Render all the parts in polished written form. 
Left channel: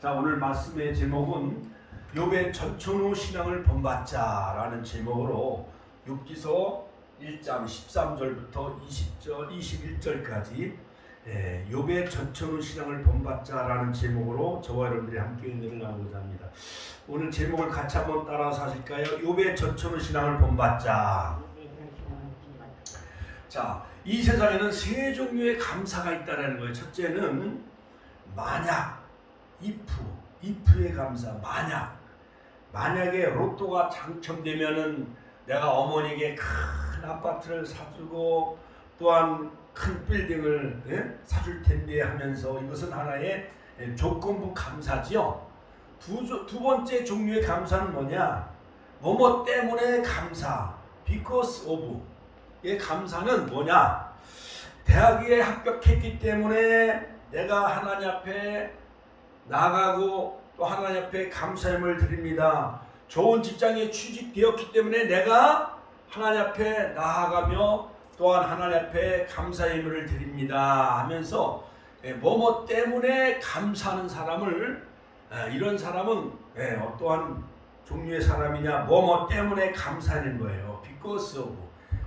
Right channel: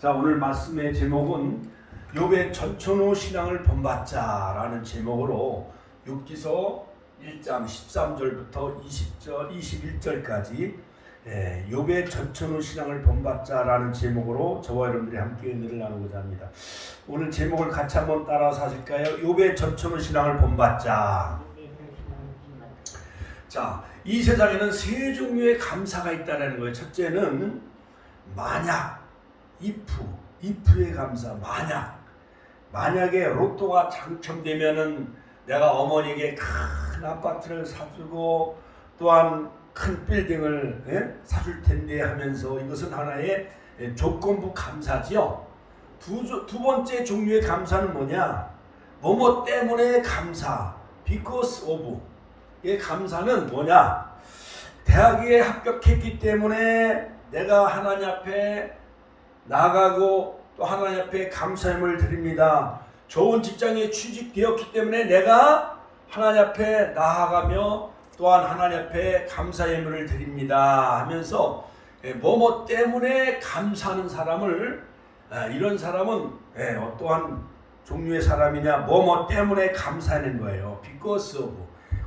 자, 오늘 말씀의 제목은 욥의 전천후 신앙을 본받자라는 제목으로 욥기서 1장 13절부터 20절, 21절까지 욥의 전천후 신앙을 본받자라는 제목으로 저와 여러분들이 함께 은혜를 나누고자 합니다. 오늘 제목을 같이 한번 따라서 하실까요? 욥의 전천후 신앙을 본받자. 자, 이 세상에는 세 종류의 감사가 있다는 거예요. 첫째는 만약, if의 감사. 만약에 로또가 당첨되면은 내가 어머니에게 큰 아파트를 사주고 또한 큰 빌딩을 사줄 텐데 하면서 이것은 하나의 조건부 감사지요. 두 번째 종류의 감사는 뭐냐? 뭐뭐 때문에 감사. because of의 감사는 뭐냐? 대학에 합격했기 때문에 내가 하나님 앞에 나가고 또 하나님 앞에 감사함을 드립니다. 좋은 직장에 취직되었기 때문에 내가 하나님 앞에 나아가며 또한 하나님 앞에 감사의 예물을 드립니다 하면서 뭐뭐 때문에 감사하는 사람을 이런 사람은 어떠한 종류의 사람이냐? 뭐뭐 때문에 감사하는 거예요. because of.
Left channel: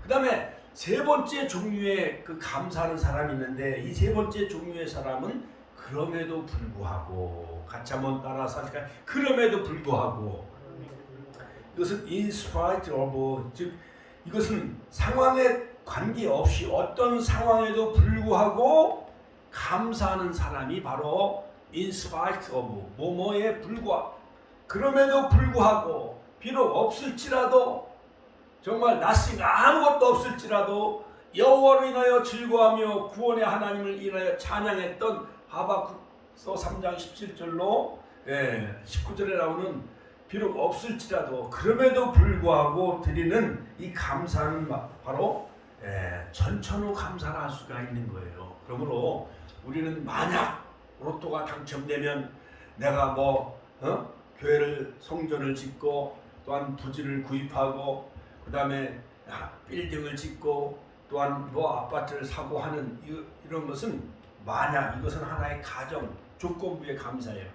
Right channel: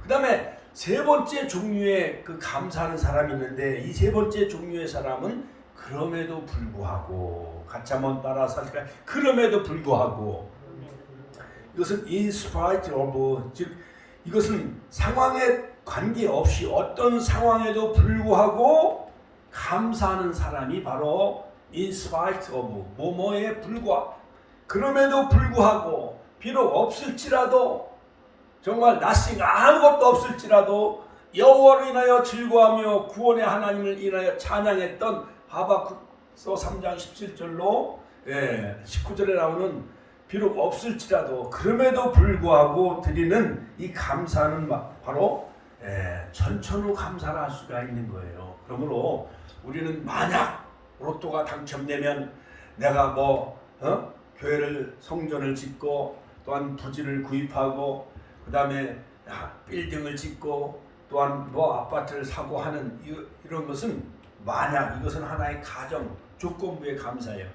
그 다음에 세 번째 종류의 그 감사하는 사람이 있는데 이 세 번째 종류의 사람은 그럼에도 불구하고, 같이 한번 따라서 할까요? 그럼에도 불구하고, 이것은 in spite of, 즉 이것은 상황에 관계없이 어떤 상황에도 불구하고 감사하는 사람이 바로 in spite of, 뭐뭐에 불구하고, 그럼에도 불구하고, 비록 없을지라도, 정말 nothing, 아무것도 없을지라도 여호와를 인하여 즐거워하며 구원의 하나님을 인하여 찬양했던 하박국서 3장 17절로 19절에 나오는 비록 없을지라도 그럼에도 불구하고 드리는 이 감사는 바로 전천후 감사를 할 수가 있는 거예요. 그러므로 우리는 만약 로또가 당첨되면 내가 교회를 성전을 짓고 또한 부지를 구입하고 그 다음에 빌딩을 짓고 또한 아파트를 사고 하는 이런 것은 만약, 이것은 하나의 가정 조건부의 감사예요.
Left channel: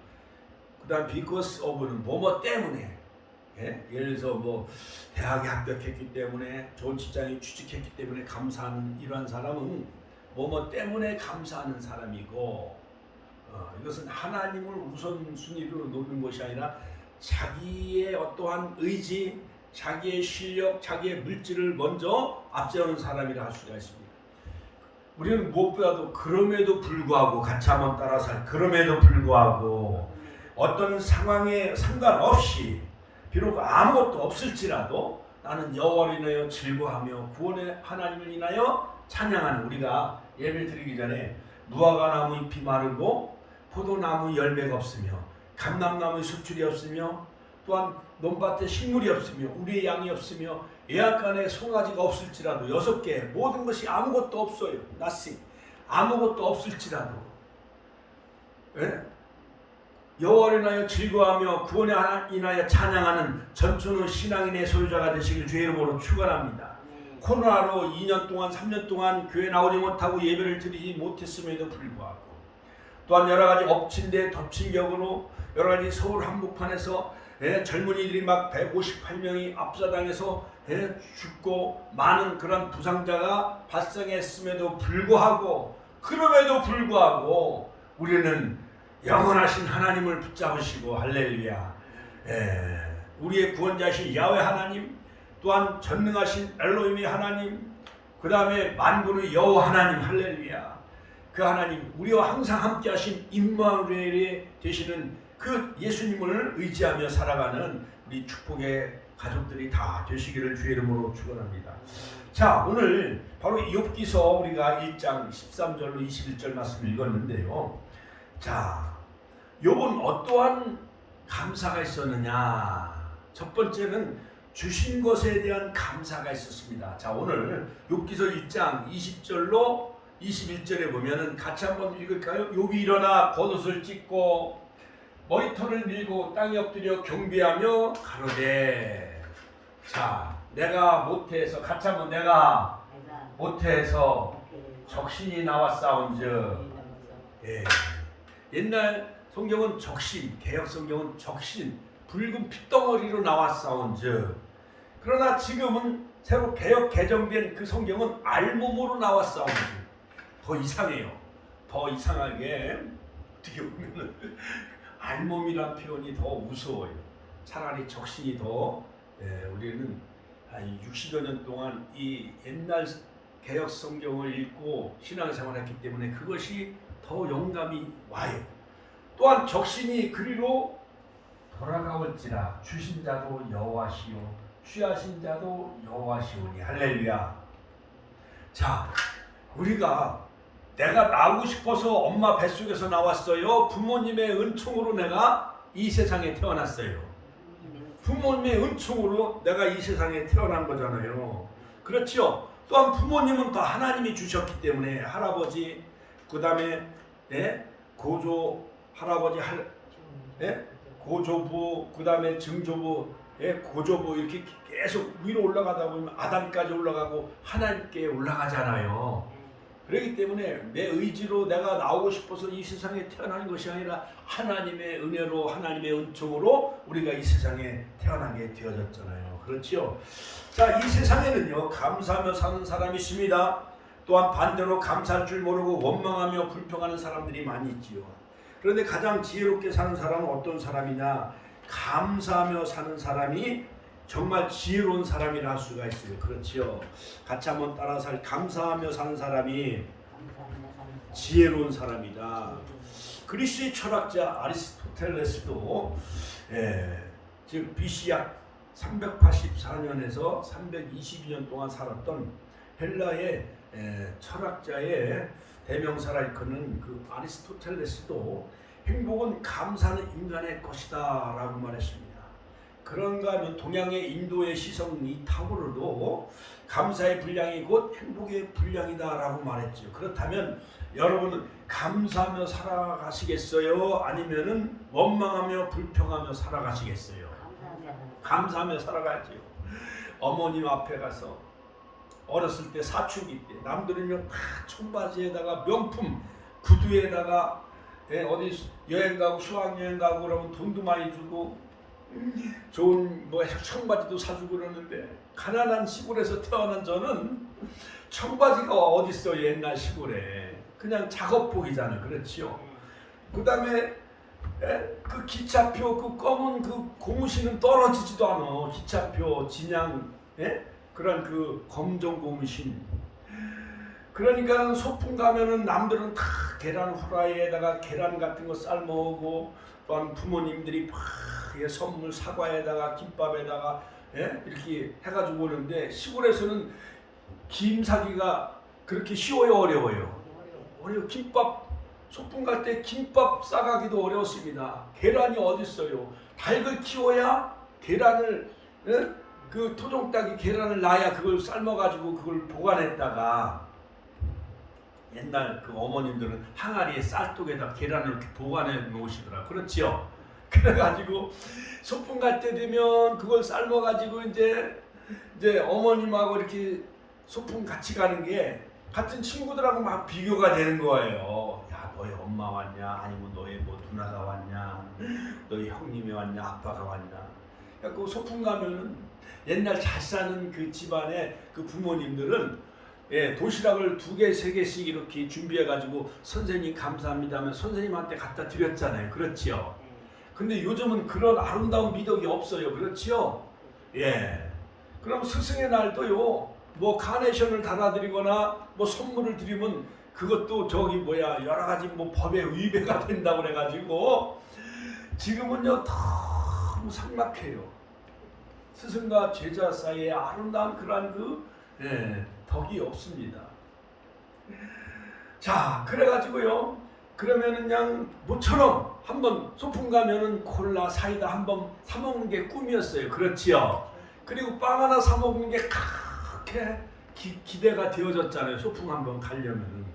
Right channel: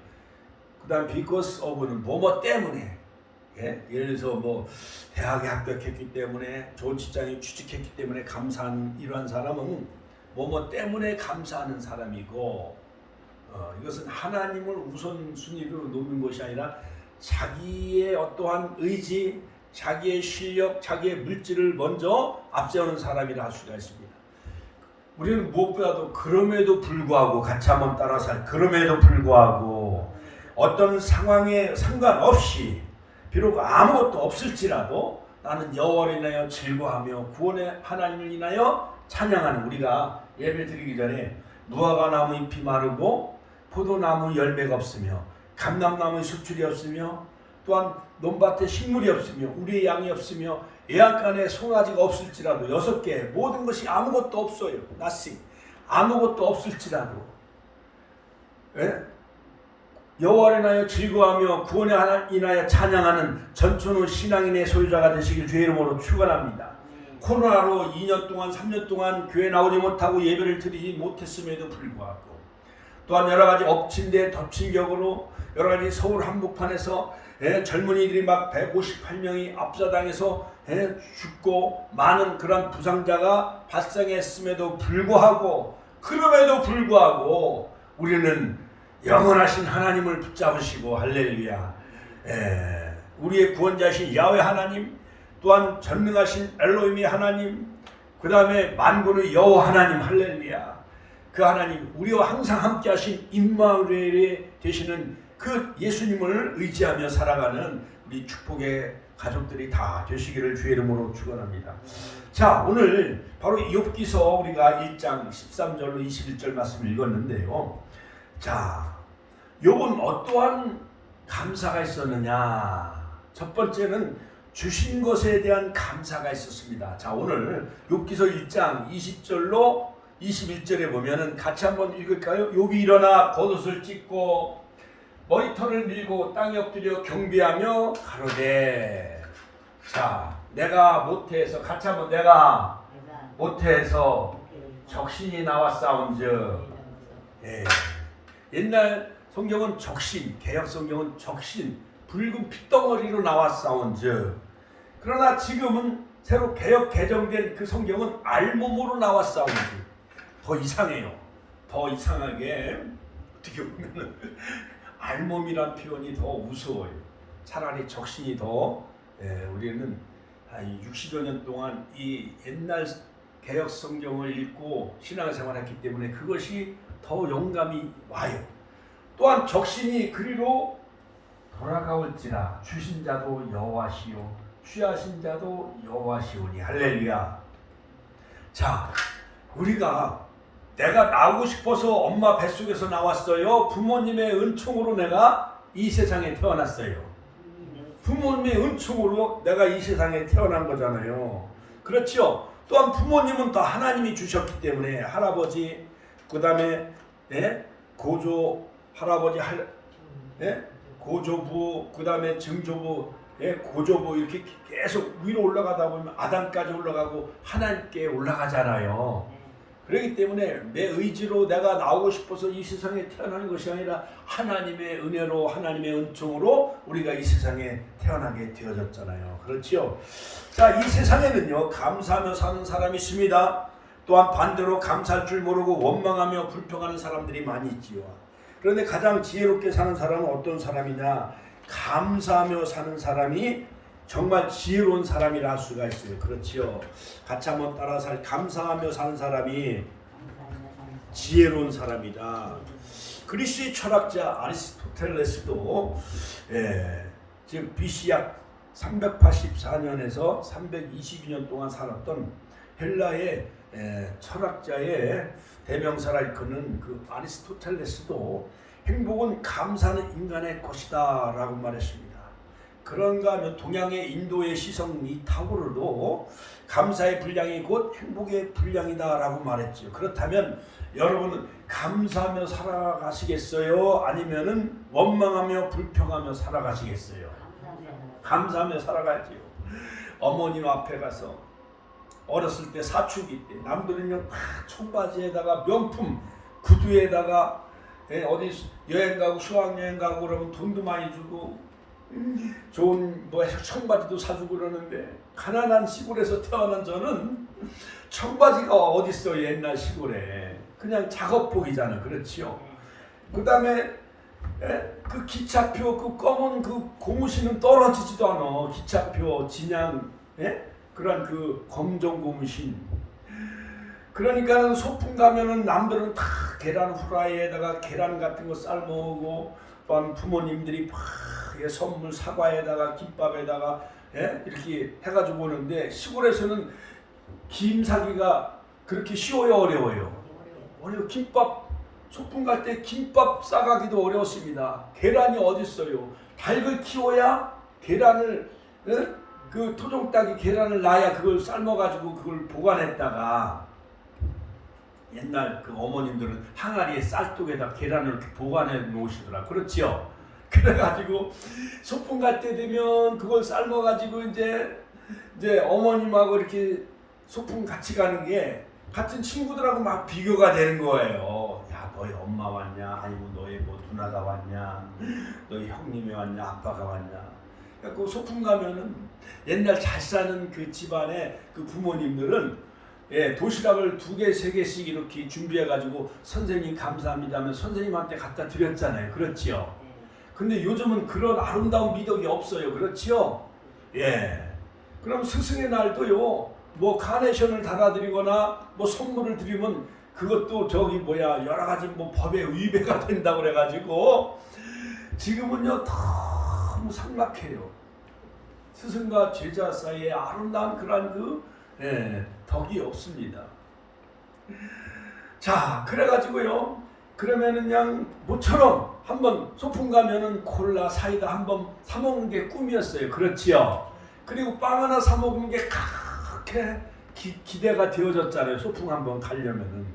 그 다음 because of는 뭐뭐 때문에, 예를 들어서 대학에 합격했기 때문에 좋은 직장에 취직했기 때문에 감사하는 이러한 사람은 뭐뭐 때문에 감사하는 사람이고, 이것은 하나님을 우선순위로 놓는 것이 아니라 자기의 어떠한 의지, 자기의 실력, 자기의 물질을 먼저 앞세우는 사람이라 할 수가 있습니다. 우리는 무엇보다도 그럼에도 불구하고, 같이 한번 따라서, 그럼에도 불구하고 어떤 상황에 상관없이 비록 아무것도 없을지라도 나는 여호와를 인하여 즐거워하며 구원의 하나님을 인하여 찬양하는, 우리가 예배 드리기 전에 무화과나무 잎이 마르고 포도나무 열매가 없으며 감람나무의 수출이 없으며 또한 논밭에 식물이 없으며 우리의 양이 없으며 애완간에 송아지가 없을지라도 6개 모든 것이 아무것도 없어요. nothing. 아무것도 없을지라도 여호와를 인하여 즐거워하며 구원의 하나님을 인하여 찬양하는 전천후 신앙인의 소유자가 되시길 주의 이름으로 축원합니다. 코로나로 2년 동안 3년 동안 교회 나오지 못하고 예배를 드리지 못했음에도 불구하고 또한 여러가지 엎친 데 덮친 격으로 여러가지 서울 한복판에서 젊은이들이 막 158명이 압사당해서 죽고 많은 그런 부상자가 발생했음에도 불구하고, 그럼에도 불구하고 우리는 영원하신 하나님을 붙잡으시고, 할렐루야, 우리의 구원자이신 야훼 하나님, 또한 전능하신 엘로힘의 하나님, 그 다음에 만군의 여호와 하나님, 할렐루야, 그 하나님, 우리와 항상 함께 하신 임마누엘이 되시는 그 예수님을 의지하며 살아가는 우리 축복의 가족들이 다 되시기를 주의 이름으로 축원합니다. 자, 오늘 바로 욥기서 우리가 1장 13절로 21절 말씀 읽었는데요. 자, 욥은 어떠한 감사가 있었느냐? 첫 번째는 주신 것에 대한 감사가 있었습니다. 자, 오늘 욥기서 1장 20절로 21절에 보면은 같이 한번 읽을까요? 욥이 일어나 겉옷을 찢고 머리털을 밀고 땅에 엎드려 경배하며 가로되, 자, 내가 못해서, 같이 한번, 내가 못해서 적신이 나왔사온즉, 옛날 성경은 적신, 개혁 성경은 적신, 붉은 핏덩어리로 나와 싸운즉. 그러나 지금은 새로 개혁 개정된 그 성경은 알몸으로 나와 싸운즉. 더 이상해요. 더 이상하게 어떻게 보면은 알몸이란 표현이 더 무서워요. 차라리 적신이 더 우리는 60여 년 동안 이 옛날 개혁 성경을 읽고 신앙생활했기 때문에 그것이 더 영감이 와요. 또한 적신이 그리로 돌아가올지라 주신 자도 여호와시요 취하신 자도 여호와시오니. 할렐루야. 자, 우리가 내가 나오고 싶어서 엄마 뱃속에서 나왔어요. 부모님의 은총으로 내가 이 세상에 태어났어요. 부모님의 은총으로 내가 이 세상에 태어난 거잖아요. 그렇죠? 또한 부모님은 다 하나님이 주셨기 때문에 할아버지, 그 다음에 고조 할아버지, 고조부, 그 다음에 증조부, 고조부 이렇게 계속 위로 올라가다 보면 아담까지 올라가고 하나님께 올라가잖아요. 그렇기 때문에 내 의지로 내가 나오고 싶어서 이 세상에 태어나는 것이 아니라 하나님의 은혜로 하나님의 은총으로 우리가 이 세상에 태어나게 되어졌잖아요. 그렇지요? 자, 이 세상에는요 감사하며 사는 사람이 있습니다. 또한 반대로 감사할 줄 모르고 원망하며 불평하는 사람들이 많이 있지요. 그런데 가장 지혜롭게 사는 사람은 어떤 사람이냐? 감사하며 사는 사람이 정말 지혜로운 사람이라 할 수가 있어요. 그렇지요. 같이 한번 따라서 감사하며 사는 사람이 지혜로운 사람이다. 그리스의 철학자 아리스토텔레스도 지금 BC 약 384년에서 322년 동안 살았던 헬라의 철학자의 대명사라 일컫는 그 아리스토텔레스도 행복은 감사하는 인간의 것이다 라고 말했습니다. 그런가 하면 동양의 인도의 시성 이타고르도 감사의 분량이 곧 행복의 분량이다 라고 말했죠. 그렇다면 여러분은 감사하며 살아가시겠어요? 아니면은 원망하며 불평하며 살아가시겠어요? 감사하며 살아가야지요. 어머님 앞에 가서 어렸을 때 사춘기 때 남들은요 청바지에다가 명품 구두에다가 어디 여행 가고 수학여행 가고 그러면 돈도 많이 주고 좋은 청바지도 사주고 그러는데 가난한 시골에서 태어난 저는 청바지가 어딨어. 옛날 시골에 그냥 작업복이잖아. 그렇지요. 그 다음에 그 기차표 그 검은 그 고무신은 떨어지지도 않아. 기차표 진양 그런 그 검정 고무신. 그러니까 소풍 가면은 남들은 다 계란 후라이에다가 계란 같은 거 삶아오고 또한 부모님들이 선물 사과에다가 김밥에다가 이렇게 해가지고 오는데 시골에서는 김 사기가 그렇게 쉬워요? 어려워요? 어려워. 김밥 소풍 갈 때 김밥 싸가기도 어려웠습니다. 계란이 어디 있어요? 닭을 키워야 계란을 그 토종닭이 계란을 낳아야 그걸 삶아가지고 그걸 보관했다가 옛날 그 어머님들은 항아리에 쌀독에다 계란을 이렇게 보관해 놓으시더라. 그렇지요? 그래가지고 소풍 갈 때 되면 그걸 삶아가지고 이제 어머님하고 이렇게 소풍 같이 가는 게 같은 친구들하고 막 비교가 되는 거예요. 야, 너희 엄마 왔냐? 아니면 너희 뭐 누나가 왔냐? 너희 형님이 왔냐? 아빠가 왔냐? 그 소풍 가면은 옛날 잘 사는 그 집안의 그 부모님들은 도시락을 2개, 3개씩 이렇게 준비해가지고 선생님 감사합니다 하면 선생님한테 갖다 드렸잖아요. 그렇지요? 근데 요즘은 그런 아름다운 미덕이 없어요. 그렇지요? 그럼 스승의 날도요, 뭐 카네이션을 달아드리거나 뭐 선물을 드리면 그것도 여러 가지 뭐 법에 위배가 된다고 그래가지고 지금은요 너무 삭막해요. 스승과 제자 사이에 아름다운 그런 덕이 없습니다. 자, 그래가지고요. 그러면은 그냥 모처럼 한번 소풍 가면은 콜라, 사이다 한번 사 먹는 게 꿈이었어요. 그렇지요? 그리고 빵 하나 사 먹는 게 그렇게 기대가 되어졌잖아요. 소풍 한번 가려면은.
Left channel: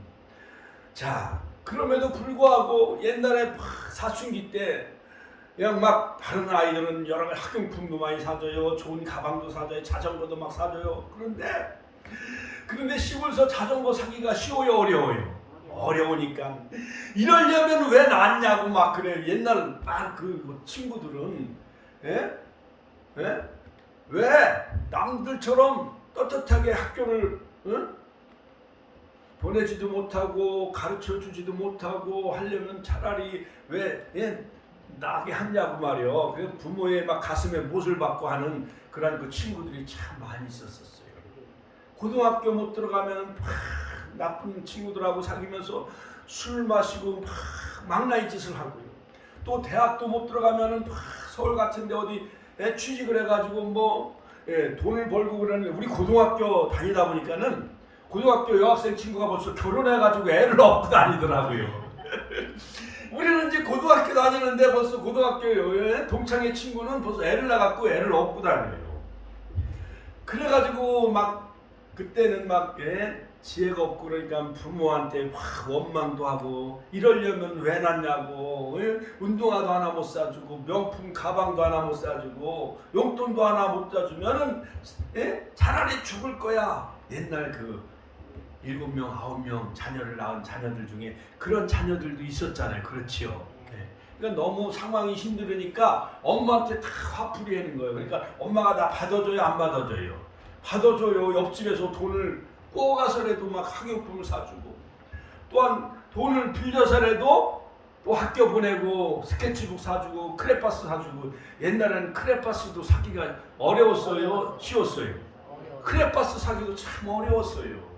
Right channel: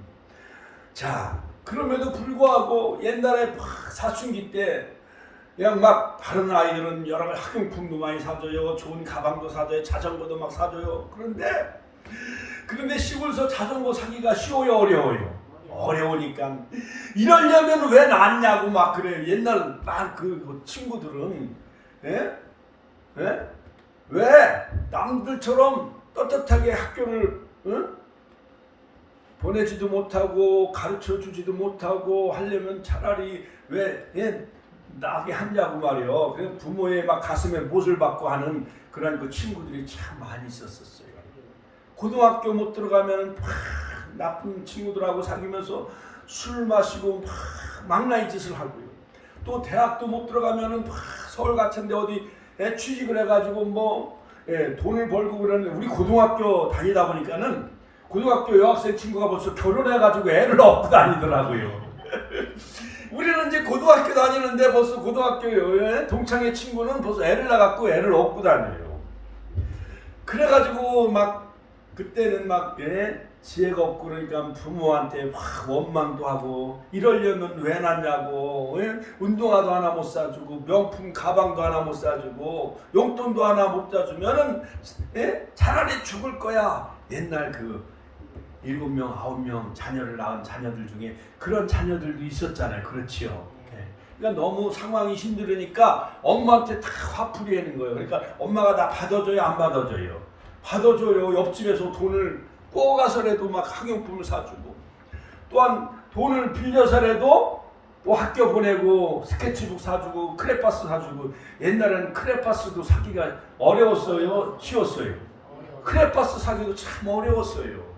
자, 그럼에도 불구하고 옛날에 사춘기 때 그냥 막 다른 아이들은 여러 가지 학용품도 많이 사줘요. 좋은 가방도 사줘요. 자전거도 막 사줘요. 그런데 시골에서 자전거 사기가 쉬워요? 어려워요? 어려우니까 이러려면 왜 낫냐고 막 그래. 옛날 막 그 친구들은 예? 예? 왜 남들처럼 떳떳하게 학교를 보내지도 못하고 가르쳐 주지도 못하고 하려면 차라리 왜 나게 하냐고 말이요. 그 부모의 막 가슴에 못을 박고 하는 그런 그 친구들이 참 많이 있었어요. 고등학교 못 들어가면 나쁜 친구들하고 사귀면서 술 마시고 망나니 짓을 하고요. 또 대학도 못 들어가면은 서울 같은데 어디 취직을 해가지고 뭐 돈을 벌고 그러는데 우리 고등학교 다니다 보니까는 고등학교 여학생 친구가 벌써 결혼해가지고 애를 얻고 다니더라고요. 우리는 이제 고등학교 다니는데 벌써 고등학교 동창회 친구는 벌써 애를 낳았고 애를 얻고 다녀요. 그래가지고 막 그때는 막 지혜가 없고 그러니까 부모한테 막 원망도 하고 이러려면 왜 낳냐고 운동화도 하나 못 사주고 명품 가방도 하나 못 사주고 용돈도 하나 못 사주면은 차라리 죽을 거야. 옛날 그 7명, 9명 자녀를 낳은 자녀들 중에 그런 자녀들도 있었잖아요. 그렇지요. 그러니까 너무 상황이 힘들으니까 엄마한테 다 화풀이 하는 거예요. 그러니까 엄마가 나 받아줘요, 안 받아줘요? 받아줘요. 옆집에서 돈을 꼬가서라도 막 학용품을 사주고 또한 돈을 빌려서라도 또 학교 보내고 스케치북 사주고 크레파스 사주고 옛날에는 크레파스도 사기가 어려웠어요? 쉬웠어요? 크레파스 사기도 참 어려웠어요.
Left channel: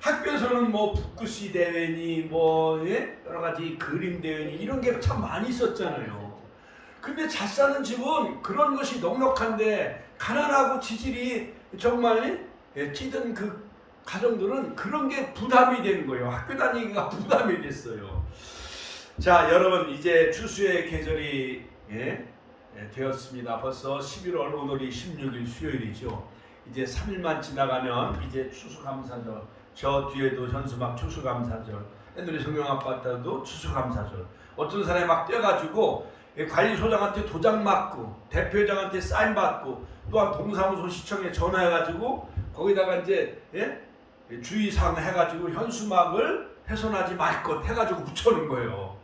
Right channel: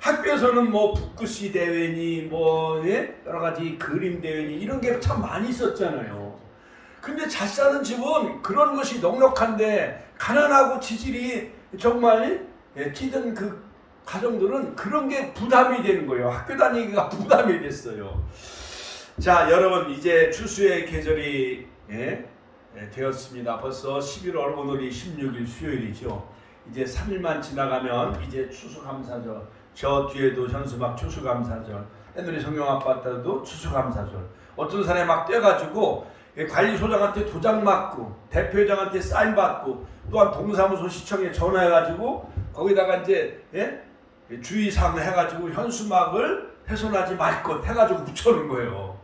학교에서는 뭐 붓글씨 대회니 뭐 여러 가지 그림 대회니 이런 게 참 많이 있었잖아요. 근데 잘 사는 집은 그런 것이 넉넉한데 가난하고 지질이 정말 찌든 그 가정들은 그런 게 부담이 되는 거예요. 학교 다니기가 부담이 됐어요. 자, 여러분 이제 추수의 계절이 되었습니다. 벌써 11월 오늘이 16일 수요일이죠. 이제 3일만 지나가면 이제 추수감사절. 저 뒤에도 현수막 추수감사절. 옛날에 성경 아파트도 추수감사절. 어떤 사람이 막 뛰어가지고 관리소장한테 도장 맞고 대표회장한테 사인 받고 또한 동사무소 시청에 전화해가지고 거기다가 이제 주의사항 해가지고 현수막을 훼손하지 말 것 해가지고 붙여놓은 거예요.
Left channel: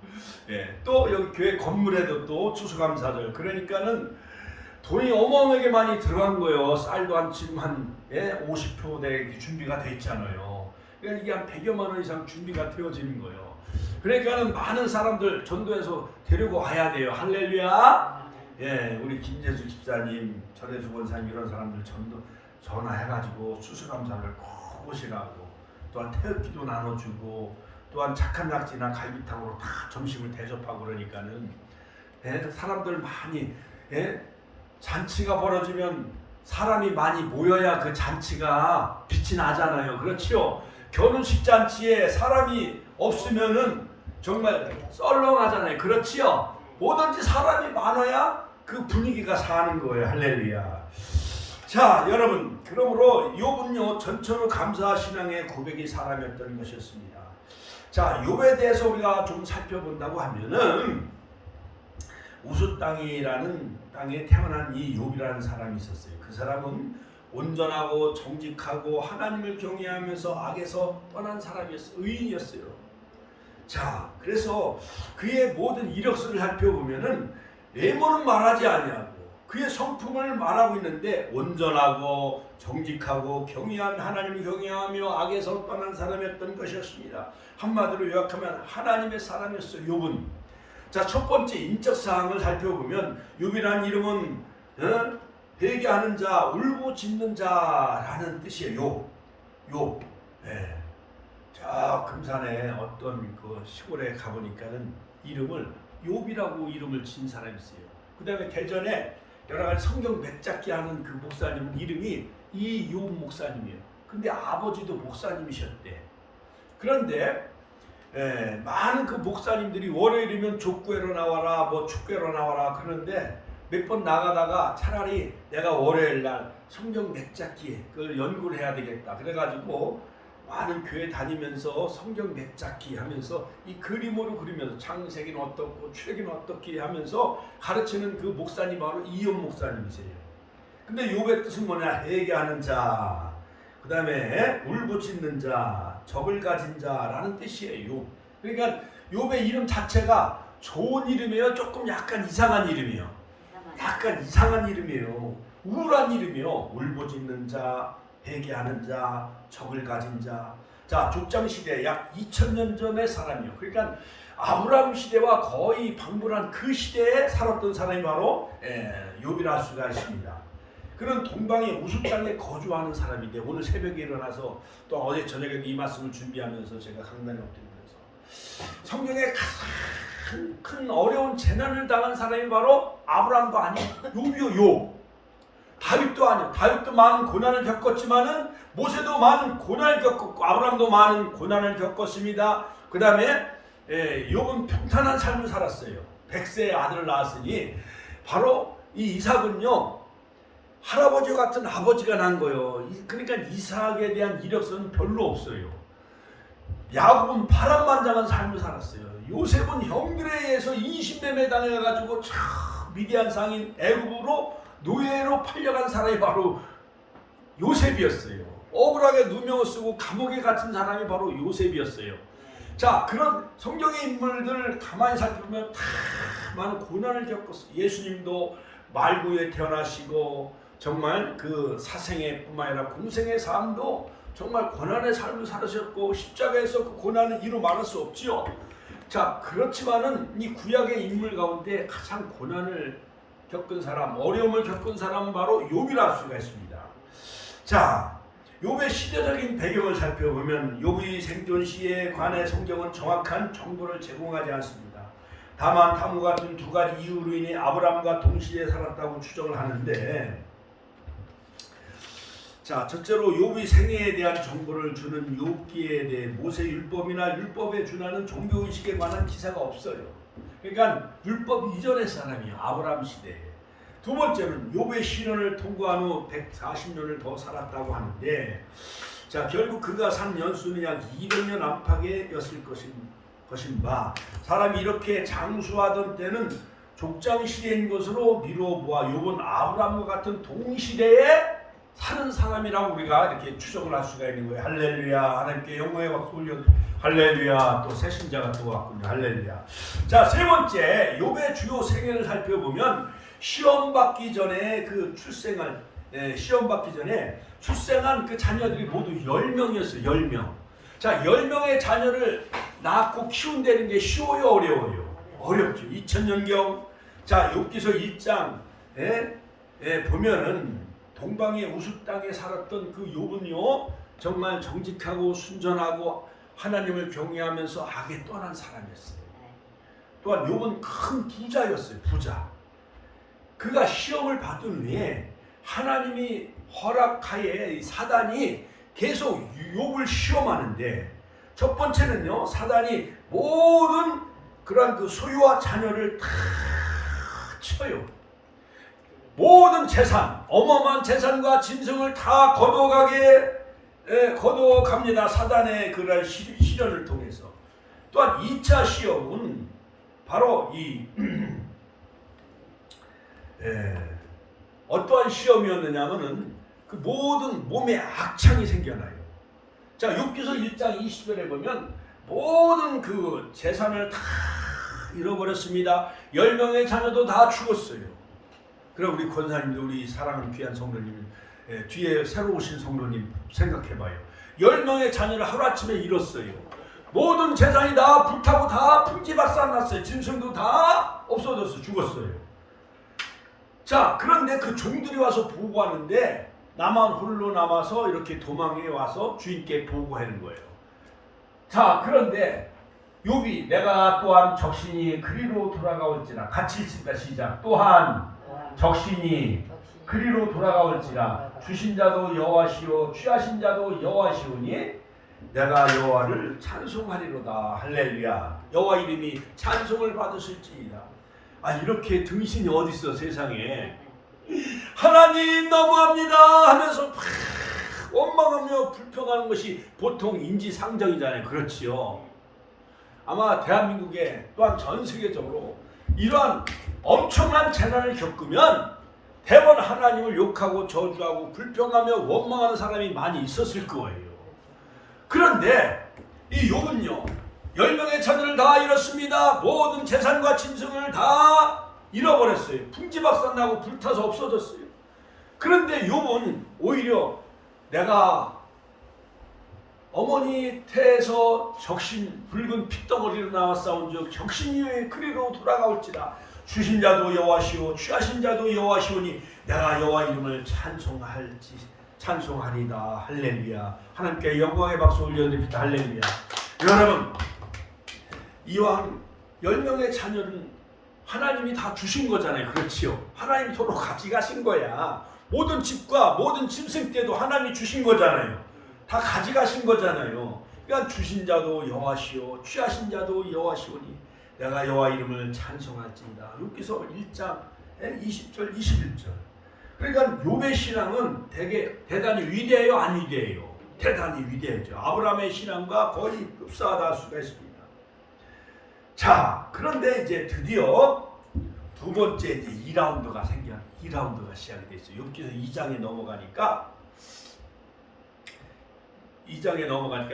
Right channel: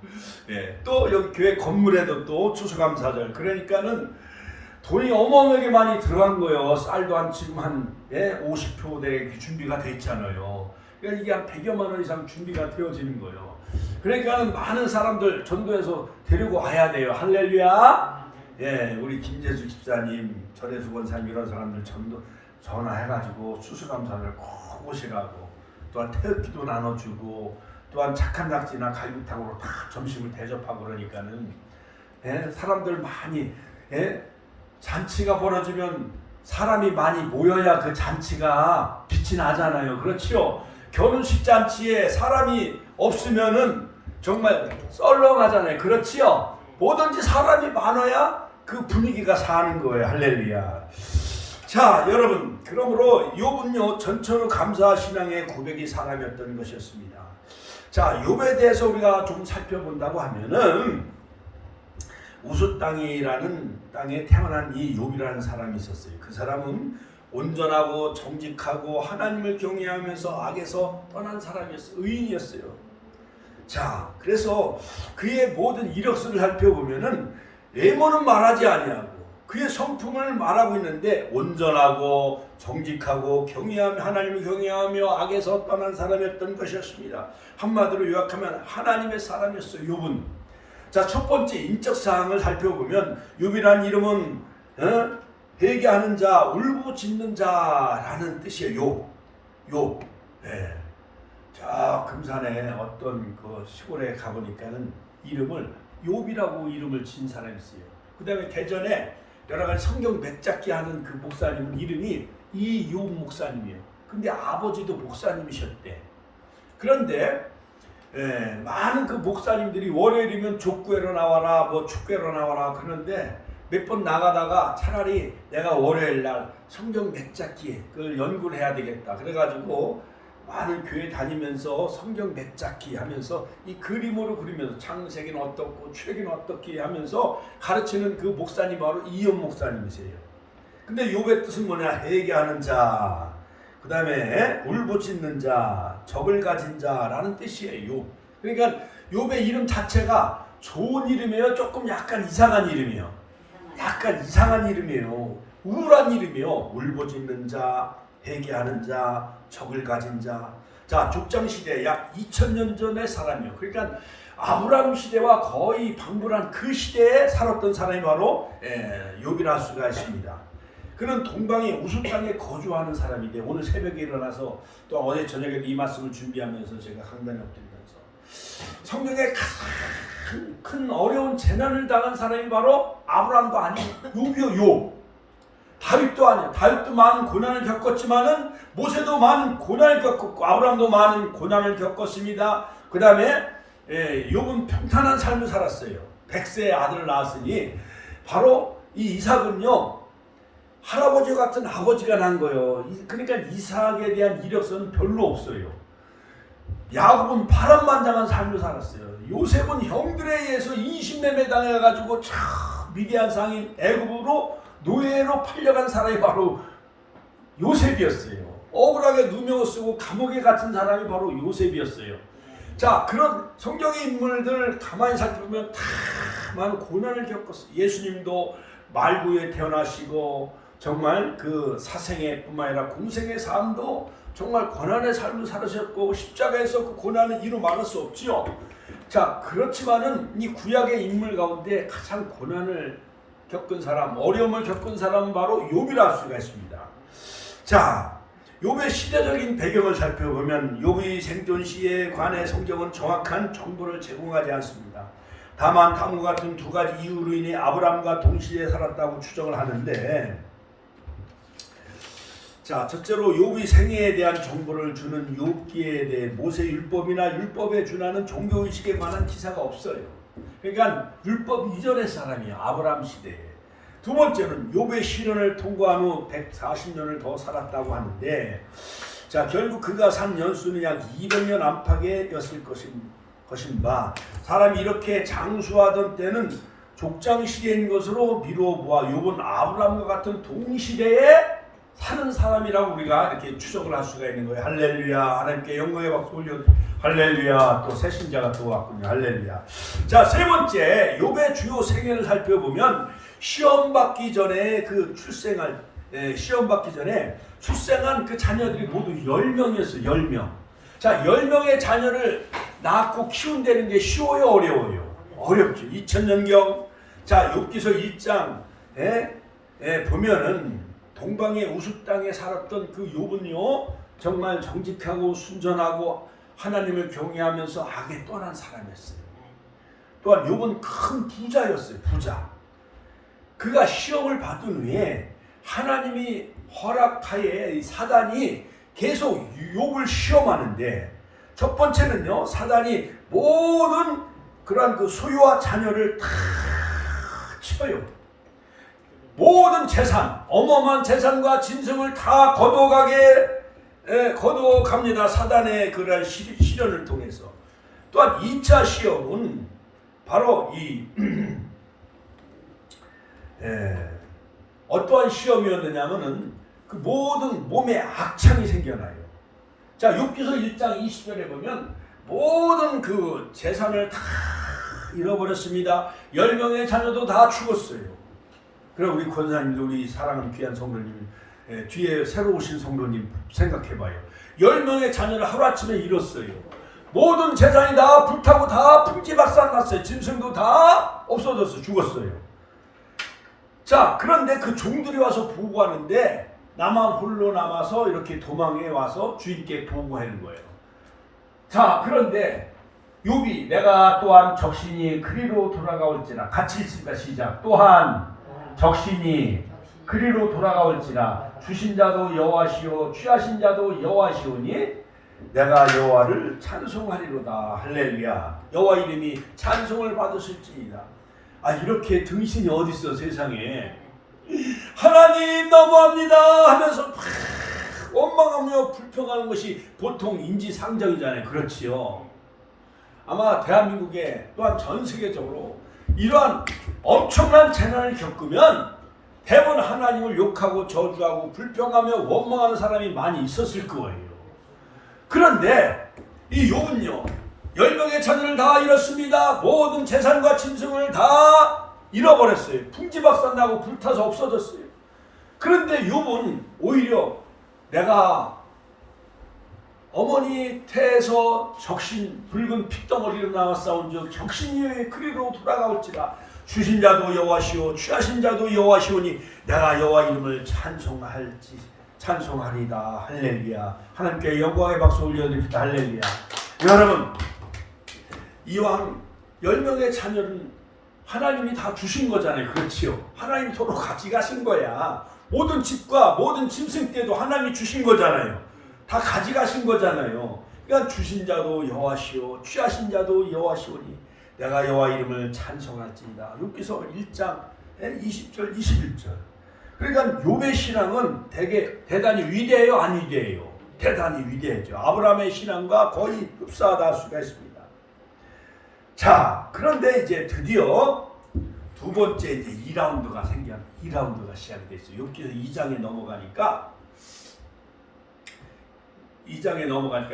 또 여기 교회 건물에도 또 추수감사절. 그러니까는 돈이 어마어마하게 많이 들어간 거예요. 쌀도 한 지금 한 50표 대 준비가 돼 있잖아요. 그러니까 이게 한 100여만 원 이상 준비가 되어지는 거예요. 그러니까는 많은 사람들 전도해서 데리고 와야 돼요. 할렐루야. 우리 김재수 집사님, 전혜수 권사님 이런 사람들 전화해가지고 추수감사를 꼭 오시라고 또한 태극기도 나눠주고 또한 착한 낙지나 갈비탕으로 다 점심을 대접하고 그러니까는 사람들 많이 잔치가 벌어지면 사람이 많이 모여야 그 잔치가 빛이 나잖아요. 그렇죠? 결혼식 잔치에 사람이 없으면은 정말 썰렁하잖아요. 그렇지요? 뭐든지 사람이 많아야 그 분위기가 사는 거예요. 할렐루야. 자, 여러분, 그러므로 욥은요 전천후 감사 신앙의 고백이 사람이었던 것이었습니다. 자, 욥에 대해서 우리가 좀 살펴본다고 하면은 우스 땅이라는 땅에 태어난 이 욥이라는 사람이 있었어요. 그 사람은 온전하고 정직하고 하나님을 경외하면서 악에서 떠난 사람이었어요. 의인이었어요. 자, 그래서 그의 모든 이력서를 살펴보면은 외모는 말하지 아니하고 그의 성품을 말하고 있는데 온전하고 정직하고 하나님을 경외하며 악에서 떠난 사람이었던 것이었습니다. 한마디로 요약하면 하나님의 사람이었어요. 욥은. 자, 첫 번째 인적 사항을 살펴보면 욥이라는 이름은 회개하는 자, 울부짖는 자라는 뜻이에요. 욥. 자, 금산에 어떤 그 시골에 가보니까는 이름을 욥이라고 이름을 진 사람이 있어요. 그 다음에 대전에 여러 가지 성경 맥잡기 하는 그 목사님 이름이 이욥 목사님이에요. 근데 아버지도 목사님이셨대. 그런데 많은 그 목사님들이 월요일이면 족구회로 나와라 뭐 축구회로 나와라 그러는데 몇 번 나가다가 차라리 내가 월요일 날 성경 맥잡기 그걸 연구를 해야 되겠다. 그래가지고 많은 교회 다니면서 성경 맥잡기 하면서 이 그림으로 그리면서 창세기는 어떻고 출애기는 어떻게 하면서 가르치는 그 목사님 바로 이욥 목사님이세요. 근데 욥의 뜻은 뭐냐? 회개하는 자, 그 다음에 울부짖는 자, 적을 가진 자라는 뜻이에요. 욥. 그러니까 욥의 이름 자체가 좋은 이름이에요. 조금 약간 이상한 이름이에요. 약간 이상한 이름이에요. 우울한 이름이요. 울부짖는 자, 회개하는 자, 적을 가진 자. 자, 족장 시대 약 2000년 전의 사람이요. 그러니까 아브라함 시대와 거의 방불한 그 시대에 살았던 사람이 바로 욥이라 할 수가 있습니다. 그는 동방의 우수 땅에 거주하는 사람인데 오늘 새벽에 일어나서 또 어제 저녁에 이 말씀을 준비하면서 제가 강단에 엎드리면서 성경에 큰 어려운 재난을 당한 사람이 바로 아브라함도 아닌 욥이요. 욥. 다윗도 아니야. 다윗도 많은 고난을 겪었지만은 모세도 많은 고난을 겪었고 아브라함도 많은 고난을 겪었습니다. 그 다음에 욥은 평탄한 삶을 살았어요. 100세의 아들을 낳았으니 바로 이 이삭은요 할아버지 같은 아버지가 난 거예요. 그러니까 이삭에 대한 이력서는 별로 없어요. 야곱은 파란만장한 삶을 살았어요. 요셉은 형들에 의해서 인신매매 당해가지고 미디안 상인 애굽으로 노예로 팔려간 사람이 바로 요셉이었어요. 억울하게 누명을 쓰고 감옥에 갇힌 사람이 바로 요셉이었어요. 자, 그런 성경의 인물들을 가만히 살펴보면 다 많은 고난을 겪었어요. 예수님도 말구에 태어나시고 정말 그 사생애 뿐만 아니라 공생의 삶도 정말 고난의 삶을 살으셨고 십자가에서 그 고난을 이루 말할 수 없지요. 자, 그렇지만은 이 구약의 인물 가운데 가장 고난을 겪은 사람, 어려움을 겪은 사람은 바로 욥이라 할 수가 있습니다. 자, 욥의 시대적인 배경을 살펴보면 욥의 생존 시에 관해 성경은 정확한 정보를 제공하지 않습니다. 다만 다음과 같은 두 가지 이유로 인해 아브라함과 동시대에 살았다고 추정을 하는데, 자, 첫째로 욥의 생애에 대한 정보를 주는 욥기에 대해 모세율법이나 율법에 준하는 종교의식에 관한 기사가 없어요. 그러니까 율법 이전의 사람이에요. 아브라함 시대에. 두 번째는 욥의 시련을 통과한 후 140년을 더 살았다고 하는데, 자, 결국 그가 산 연수는 약 200년 안팎이었을 것인 바 사람이 이렇게 장수하던 때는 족장 시대인 것으로 미루어 보아 욥은 아브라함과 같은 동시대에 사는 사람이라고 우리가 이렇게 추적을 할 수가 있는 거예요. 할렐루야. 하나님께 영광의 박수 올려. 할렐루야. 또 새신자가 또 왔군요. 할렐루야. 자, 세 번째 욥의 주요 생애를 살펴보면 시험 받기 전에 그 시험 받기 전에 출생한 그 자녀들이 모두 10명이었어요. 10명. 자, 10명의 자녀를 낳고 키운다는 게 쉬워요, 어려워요? 어렵죠. 2000년경. 자, 욥기서 1장에 보면은 동방의 우수 땅에 살았던 그 욥은요 정말 정직하고 순전하고 하나님을 경외하면서 악에 떠난 사람이었어요. 또한 욥은 큰 부자였어요. 부자. 그가 시험을 받은 후에 하나님이 허락하에 사단이 계속 욥을 시험하는데, 첫 번째는요 사단이 모든 그러한 그 소유와 자녀를 다 쳐요. 모든 재산, 어마어마한 재산과 짐승을 다 거둬갑니다. 사단의 그런 시련을 통해서. 또한 2차 시험은 바로 이 어떠한 시험이었느냐면은 그 모든 몸에 악창이 생겨나요. 자, 욥기서 1장 20절에 보면 모든 그 재산을 다 잃어버렸습니다. 10명의 자녀도 다 죽었어요. 그럼 우리 권사님도 우리 사랑하는 귀한 성도님, 뒤에 새로 오신 성도님 생각해봐요. 10명의 자녀를 하루아침에 잃었어요. 모든 재산이 다 불타고 다 풍지박산났어요. 짐승도 다 없어졌어요. 죽었어요. 자, 그런데 그 종들이 와서 보고하는데 나만 홀로 남아서 이렇게 도망해 와서 주인께 보고하는 거예요. 자, 그런데 욥이 내가 또한 적신이 그리로 돌아가올지라, 같이 읽습니다. 시작. 또한 적신이 그리로 돌아가올지라, 주신 자도 여호와시오 취하신 자도 여호와시오니 내가 여호와를 찬송하리로다. 할렐루야. 여호와 이름이 찬송을 받으실지니라. 아, 이렇게 등신이 어디 있어 세상에. 하나님 너무합니다 하면서 원망하며 불평하는 것이 보통 인지상정이잖아요. 그렇지요. 아마 대한민국에 또한 전 세계적으로 이러한 엄청난 재난을 겪으면 대부분 하나님을 욕하고 저주하고 불평하며 원망하는 사람이 많이 있었을 거예요. 그런데 이 욥은요 10명의 자녀를 다 잃었습니다. 모든 재산과 짐승을 다 잃어버렸어요. 풍지박산나고 불타서 없어졌어요. 그런데 욥은 오히려 내가 어머니 태에서 적신 붉은 핏덩어리로 나왔사온즉 적신이의 그리로 돌아가올지라. 주신 자도 여호와시오 취하신 자도 여호와시오니 내가 여호와 이름을 찬송하리다. 할렐루야. 하나님께 영광의 박수 올려드립시다. 할렐루야. 여러분 이왕 10명의 자녀는 하나님이 다 주신 거잖아요. 그렇지요. 하나님이 서로 같이 가신 거야. 모든 집과 모든 짐승 때도 하나님이 주신 거잖아요. 다 가져가신 거잖아요. 그러니까 주신 자도 여호와시오 취하신 자도 여호와시오니 내가 여호와 이름을 찬송할지니라. 욥기서 1장 20절 21절. 그러니까 욥의 신앙은 대단히 위대해요, 안 위대해요? 대단히 위대하죠. 아브라함의 신앙과 거의 흡사하다 할 수가 있습니다. 자, 그런데 이제 드디어 두 번째 이제 2라운드가 시작이 됐어요. 욥기서 2장에 넘어가니까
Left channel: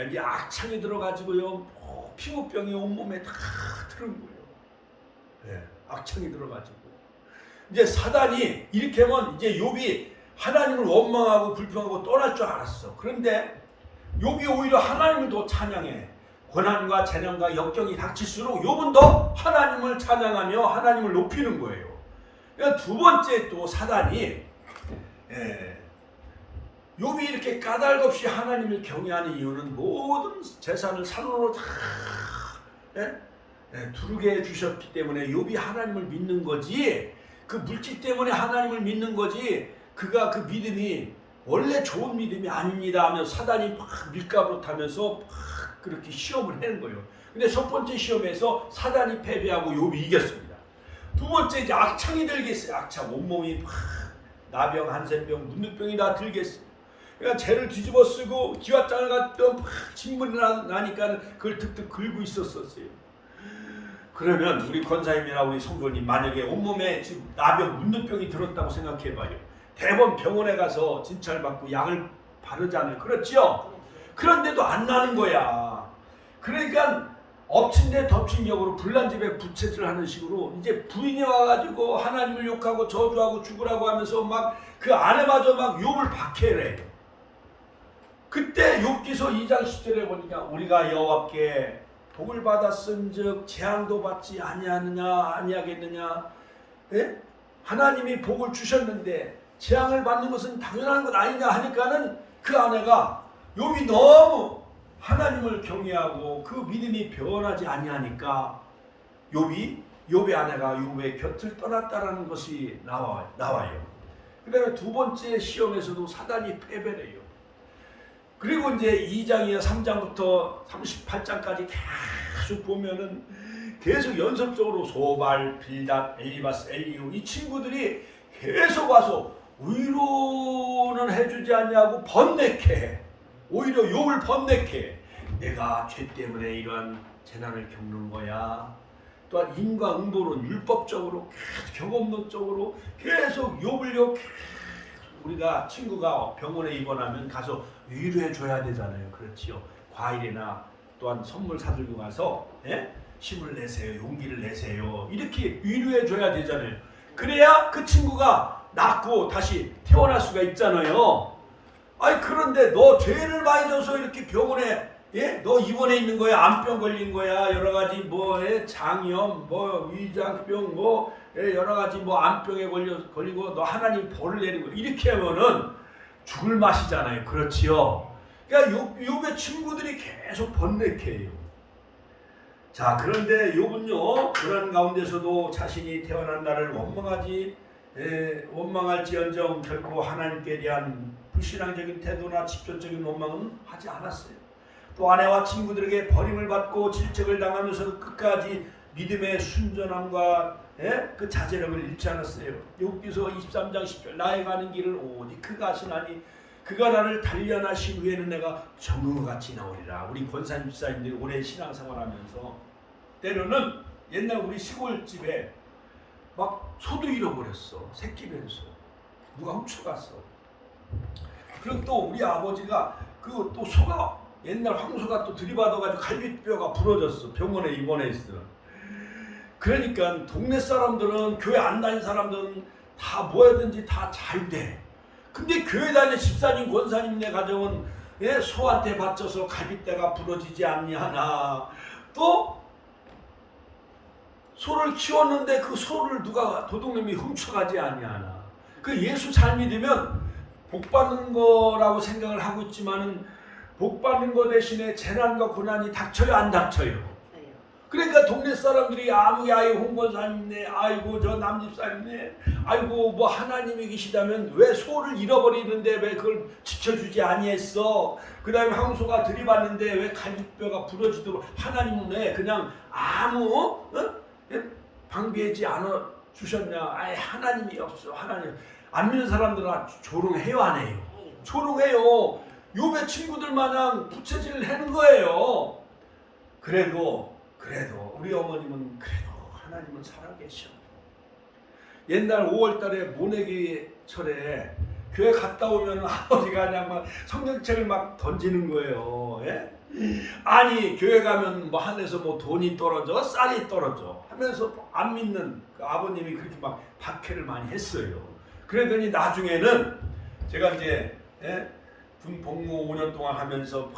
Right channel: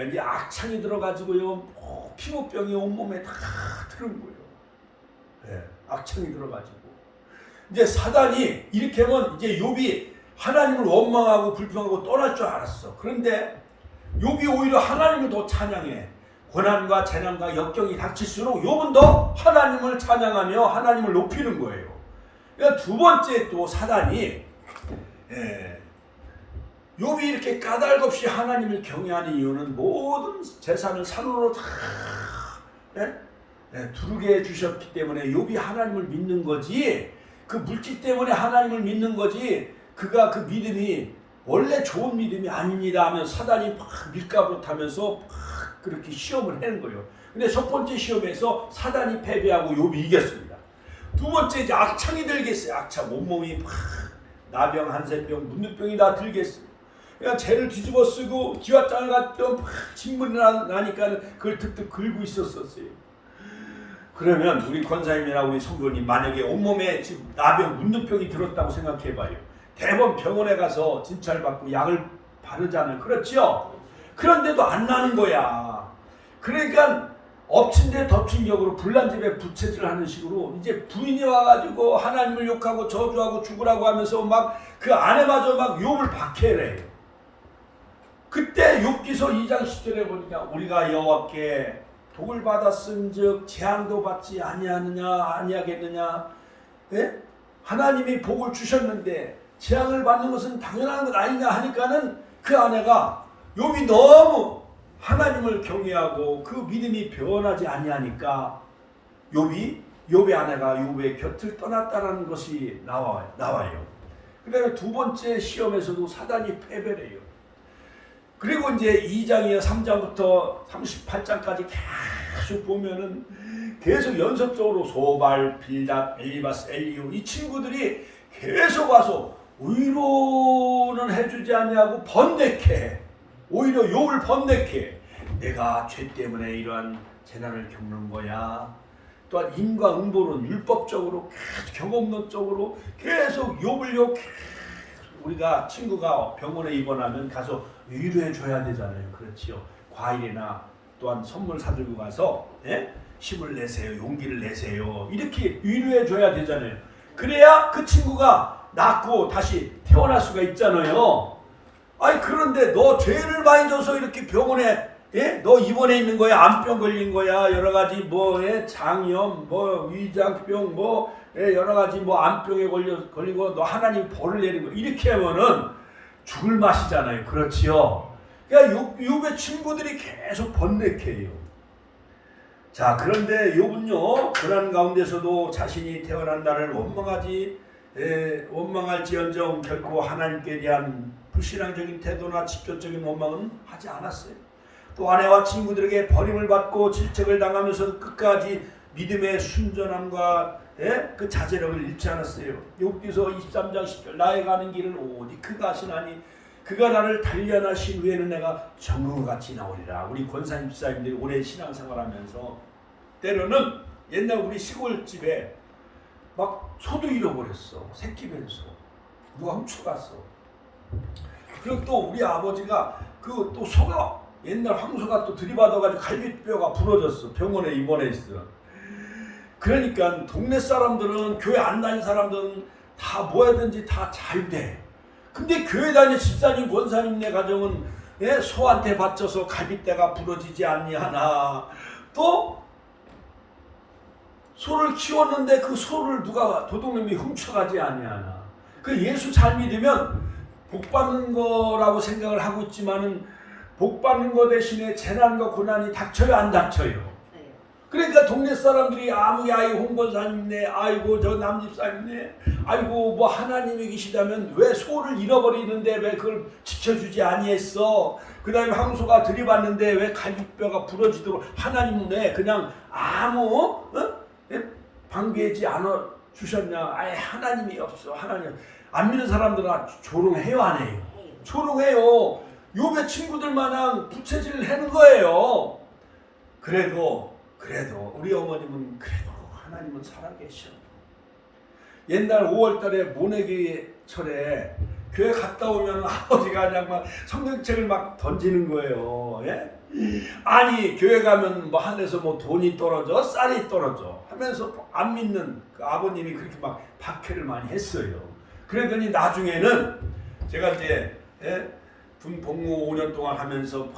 이제 악창이 들어가지고요, 피부병이 온몸에 다 들은 거예요. 네, 악창이 들어가지고 이제 사단이 이렇게 하면 이제 욥이 하나님을 원망하고 불평하고 떠날 줄 알았어. 그런데 욥이 오히려 하나님을 더 찬양해. 고난과 재난과 역경이 닥칠수록 욥은 더 하나님을 찬양하며 하나님을 높이는 거예요. 그러니까 두 번째 또 사단이 욥이 이렇게 까닭없이 하나님을 경외하는 이유는 모든 재산을 산으로 다 두르게 해주셨기 때문에 욥이 하나님을 믿는 거지, 그 물질 때문에 하나님을 믿는 거지, 그가 그 믿음이 원래 좋은 믿음이 아닙니다 하며 사단이 막 밀가부로 타면서 막 그렇게 시험을 하는 거예요. 근데 첫 번째 시험에서 사단이 패배하고 욥이 이겼습니다. 두 번째 이제 악창이 들겠어요. 악창, 온몸이 막 나병, 한센병, 문둥병이 다 들겠어요. 그러니까 죄를 뒤집어 쓰고 지화장을 갖던 진물이 나니까 그걸 득득 긁고 있었어요. 그러면 우리 권사님이나 우리 성도님 만약에 온몸에 지금 나병, 문둥병이 들었다고 생각해봐요. 대번 병원에 가서 진찰받고 약을 바르잖아요. 그렇죠? 그런데도 안 나는 거야. 그러니까 엎친 데 덮친 격으로 불난집에 부채질 하는 식으로 이제 부인이 와가지고 하나님을 욕하고 저주하고 죽으라고 하면서 막 그 아내마저 막 욥을 박해래. 그때 욥기서 2장 10절에 보니까 우리가 여호와께 복을 받았은즉 재앙도 받지 아니하겠느냐? 예? 하나님이 복을 주셨는데 재앙을 받는 것은 당연한 것 아니냐 하니까는 그 아내가 욥이 너무 하나님을 경외하고 그 믿음이 변하지 아니하니까 욥의 아내가 욥의 곁을 떠났다라는 것이 나와요. 그 다음에 두 번째 시험에서도 사단이 패배를 해요. 그리고 이제 2장이나 3장부터 38장까지 계속 보면은 계속 연속적으로 소발, 빌닷, 엘리바스, 엘리후 이 친구들이 계속 와서 위로는 해주지 않냐고 번뇌케, 오히려 욥을 번뇌케. 내가 죄 때문에 이러한 재난을 겪는 거야. 또한 인과응보론 율법적으로 계속 경험론적으로 계속 욥을 욕해. 우리가 친구가 병원에 입원하면 가서 위로해 줘야 되잖아요. 그렇지요. 과일이나 또한 선물 사들고 가서 힘을 내세요, 용기를 내세요, 이렇게 위로해 줘야 되잖아요. 그래야 그 친구가 낫고 다시 태어날 수가 있잖아요. 아니 그런데 너 죄를 많이 져서 이렇게 병원에 너 입원해 있는 거야, 암병 걸린 거야, 여러 가지 장염, 위장병, 여러 가지 암병에 걸리고 너 하나님 벌을 내리고 이렇게 하면은 죽을 맛이잖아요. 그렇지요. 그러니까 욥의 친구들이 계속 번뇌케요. 자, 그런데 욥은요 그런 가운데서도 자신이 태어난 날을 원망할지언정 결코 하나님께 대한 불신앙적인 태도나 직접적인 원망은 하지 않았어요. 또 아내와 친구들에게 버림을 받고 질책을 당하면서 끝까지 믿음의 순전함과 그 자제력을 잃지 않았어요. 욥기서 23장 10절 나의 가는 길을 오직 그가 아시나니 그가 나를 단련하신 후에는 내가 정금과 같이 나오리라. 우리 권사님 집사님들이 오래 신앙생활하면서 때로는 옛날 우리 시골집에 막 소도 잃어버렸어. 새끼 뱀소 누가 훔쳐갔어. 그리고 또 우리 아버지가 그 또 소가 옛날 황소가 또 들이받아가지고 갈비뼈가 부러졌어. 병원에 입원했어. 그러니까 동네 사람들은, 교회 안 다닌 사람들은 다 뭐하든지 다 잘 돼. 근데 교회 다니는 집사님, 권사님네 가정은 소한테 받쳐서 갈비뼈가 부러지지 아니하나, 또 소를 키웠는데 그 소를 누가 도둑놈이 훔쳐가지 아니하나. 그 예수 잘 믿으면 복 받는 거라고 생각을 하고 있지만은 복 받는 거 대신에 재난과 고난이 닥쳐요, 안 닥쳐요? 그러니까 동네 사람들이 아무리 아이고 홍권사님네, 아이고 저 남집사님네, 아이고 뭐 하나님이 계시다면 왜 소를 잃어버리는데 왜 그걸 지켜주지 아니했어? 그 다음에 황소가 들이받는데 왜 갈비뼈가 부러지도록 하나님은 왜 그냥 아무 방비하지 않아 주셨냐? 아예 하나님이 없어. 하나님 안 믿는 사람들은 조롱해요, 안 해요? 조롱해요. 욥의 친구들 마냥 부채질을 하는 거예요. 그래도 우리 어머님은 그래도 하나님은 살아계셔. 옛날 5월달에 모내기철에 교회 갔다 오면 아버지가 그냥 막 성경책을 막 던지는 거예요. 예? 아니 교회 가면 뭐 하늘에서 뭐 돈이 떨어져 쌀이 떨어져 하면서 안 믿는 그 아버님이 그렇게 막 박해를 많이 했어요. 그러더니 나중에는 제가 이제 군 복무 5년 동안 하면서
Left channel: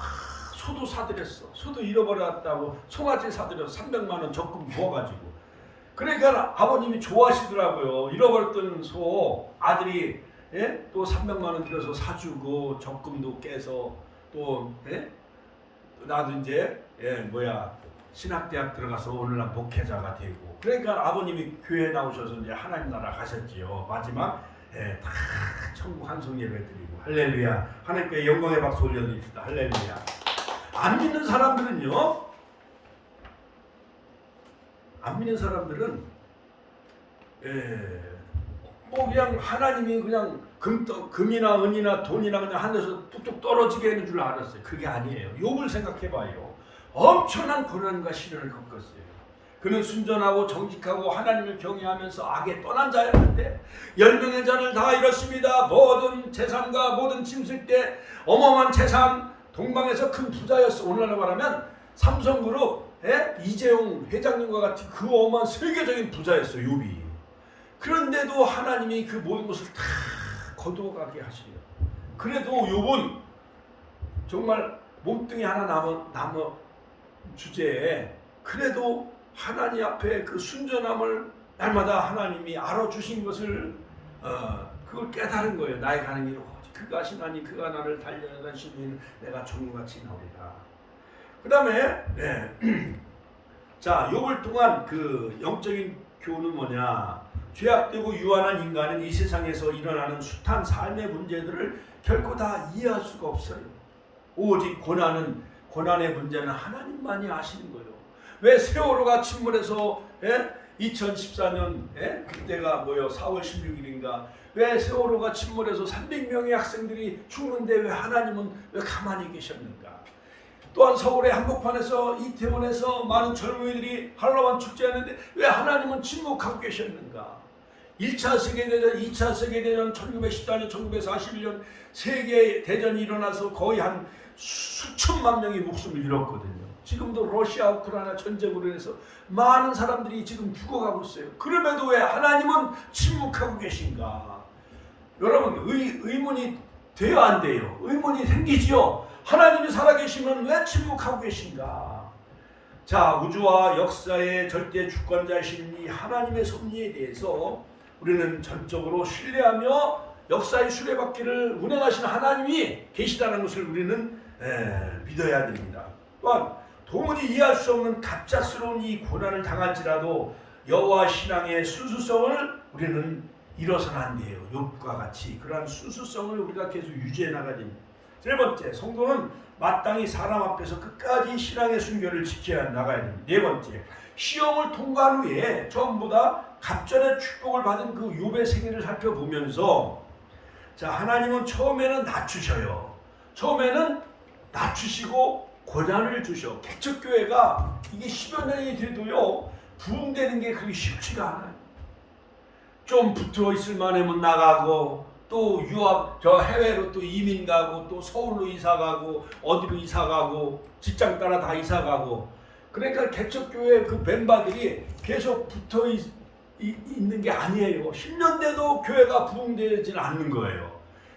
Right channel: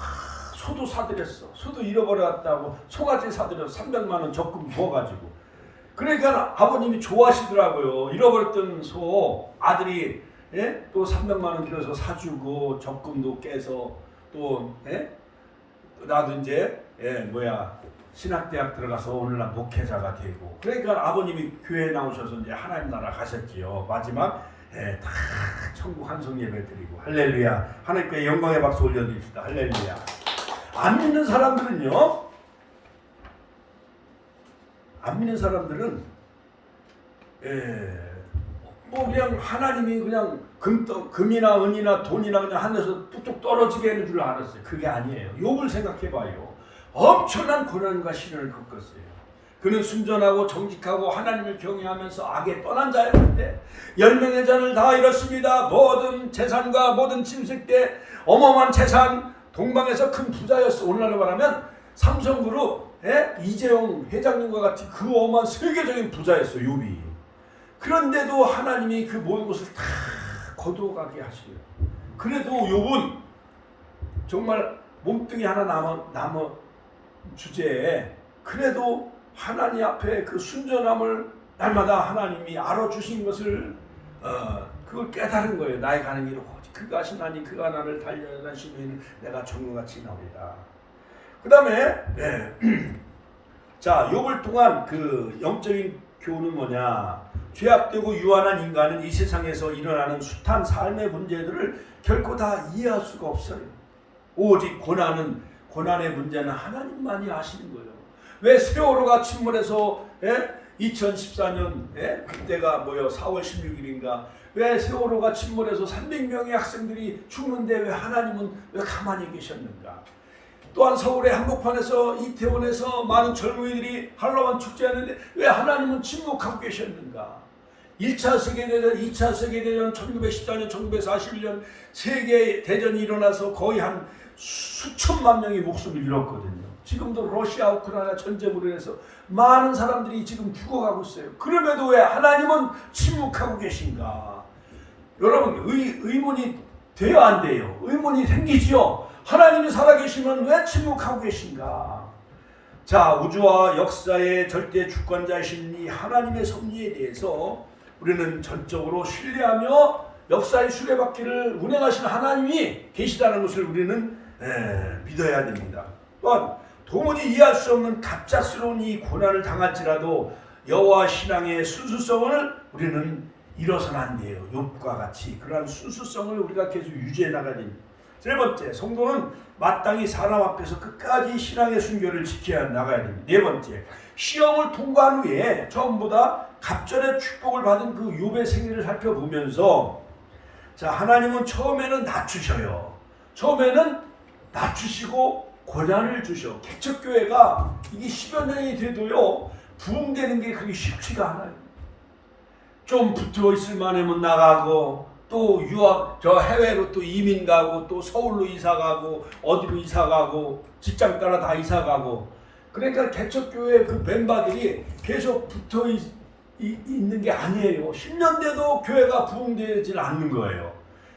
소도 사들였어. 소도 잃어버렸다고 송아지 사들여서 300만 원 적금 부어가지고. 그러니까 아버님이 좋아하시더라고요. 잃어버렸던 소 아들이 또 300만 원 들여서 사주고 적금도 깨서 또 나도 이제 신학대학 들어가서 오늘날 목회자가 되고. 그러니까 아버님이 교회에 나오셔서 이제 하나님 나라 가셨지요. 마지막 다 천국 한송 예배 드리고. 할렐루야. 하나님께 영광의 박수 올려드립시다. 할렐루야. 안 믿는 사람들은요, 뭐 그냥 하나님이 그냥 금이나 은이나 돈이나 그냥 하늘에서 뚝뚝 떨어지게 하는 줄 알았어요. 그게 아니에요. 욥을 생각해봐요. 엄청난 고난과 시련을 겪었어요. 그는 순전하고 정직하고 하나님을 경외하면서 악에 떠난 자였는데 10명의 자를 다 잃었습니다. 모든 재산과 모든 침식대 어마어마한 재산, 동방에서 큰 부자였어. 오늘날로 말하면 삼성그룹 이재용 회장님과 같은 그 어마어마한 세계적인 부자였어, 욥이. 그런데도 하나님이 그 모든 것을 다 거두어가게 하시려. 그래도 욥은 정말 몸뚱이 하나 남은 주제에 그래도 하나님 앞에 그 순전함을 날마다 하나님이 알아주신 것을 그걸 깨달은 거예요. 나의 가는 길은 오직 그가 하시나니 그가 나를 달려다니시면 내가 종같이 나오리라. 그 다음에 자, 욥을 통한 그 영적인 교훈은 뭐냐? 죄악되고 유한한 인간은 이 세상에서 일어나는 숱한 삶의 문제들을 결코 다 이해할 수가 없어요. 오직 고난의 문제는 하나님만이 아시는 거예요. 왜 세월호가 침몰해서 2014년 그때가 4월 16일인가 왜 세월호가 침몰해서 300명의 학생들이 죽는데 왜 하나님은 왜 가만히 계셨는가? 또한 서울의 한복판에서 이태원에서 많은 젊은이들이 할로윈 축제하는데 왜 하나님은 침묵하고 계셨는가? 1차 세계대전, 2차 세계대전, 1914년, 1941년 세계대전이 일어나서 거의 한 수천만 명이 목숨을 잃었거든요. 지금도 러시아 우크라이나 전쟁으로 인해서 많은 사람들이 지금 죽어가고 있어요. 그럼에도 왜 하나님은 침묵하고 계신가? 여러분 의문이 돼요, 안 돼요? 의문이 생기지요. 하나님이 살아계시면 왜 침묵하고 계신가? 자, 우주와 역사의 절대 주권자이신 이 하나님의 섭리에 대해서 우리는 전적으로 신뢰하며 역사의 수레바퀴를 운행하시는 하나님이 계시다는 것을 우리는 믿어야 됩니다. 또한 도무지 이해할 수 없는 갑작스러운 이 고난을 당할지라도 여호와 신앙의 순수성을 우리는 잃어서는 안 돼요. 욥과 같이 그러한 순수성을 우리가 계속 유지해 나가야 됩니다. 세 번째, 성도는 마땅히 사람 앞에서 끝까지 신앙의 순결을 지켜야 나가야 됩니다. 네 번째, 시험을 통과한 후에 전부 다 갑절의 축복을 받은 그 욥의 생애를 살펴보면서 자, 하나님은 처음에는 낮추셔요. 처음에는 낮추시고 고난을 주셔. 개척교회가 이게 10여 년이 돼도요 부흥되는 게 그게 쉽지가 않아요. 좀 붙어 있을 만하면 나가고 또 유학 저 해외로 또 이민 가고 또 서울로 이사 가고 어디로 이사 가고 직장 따라 다 이사 가고 그러니까 개척교회 그 멤버들이 계속 붙어 있는 게 아니에요. 10년 돼도 교회가 부흥되질 않는 거예요.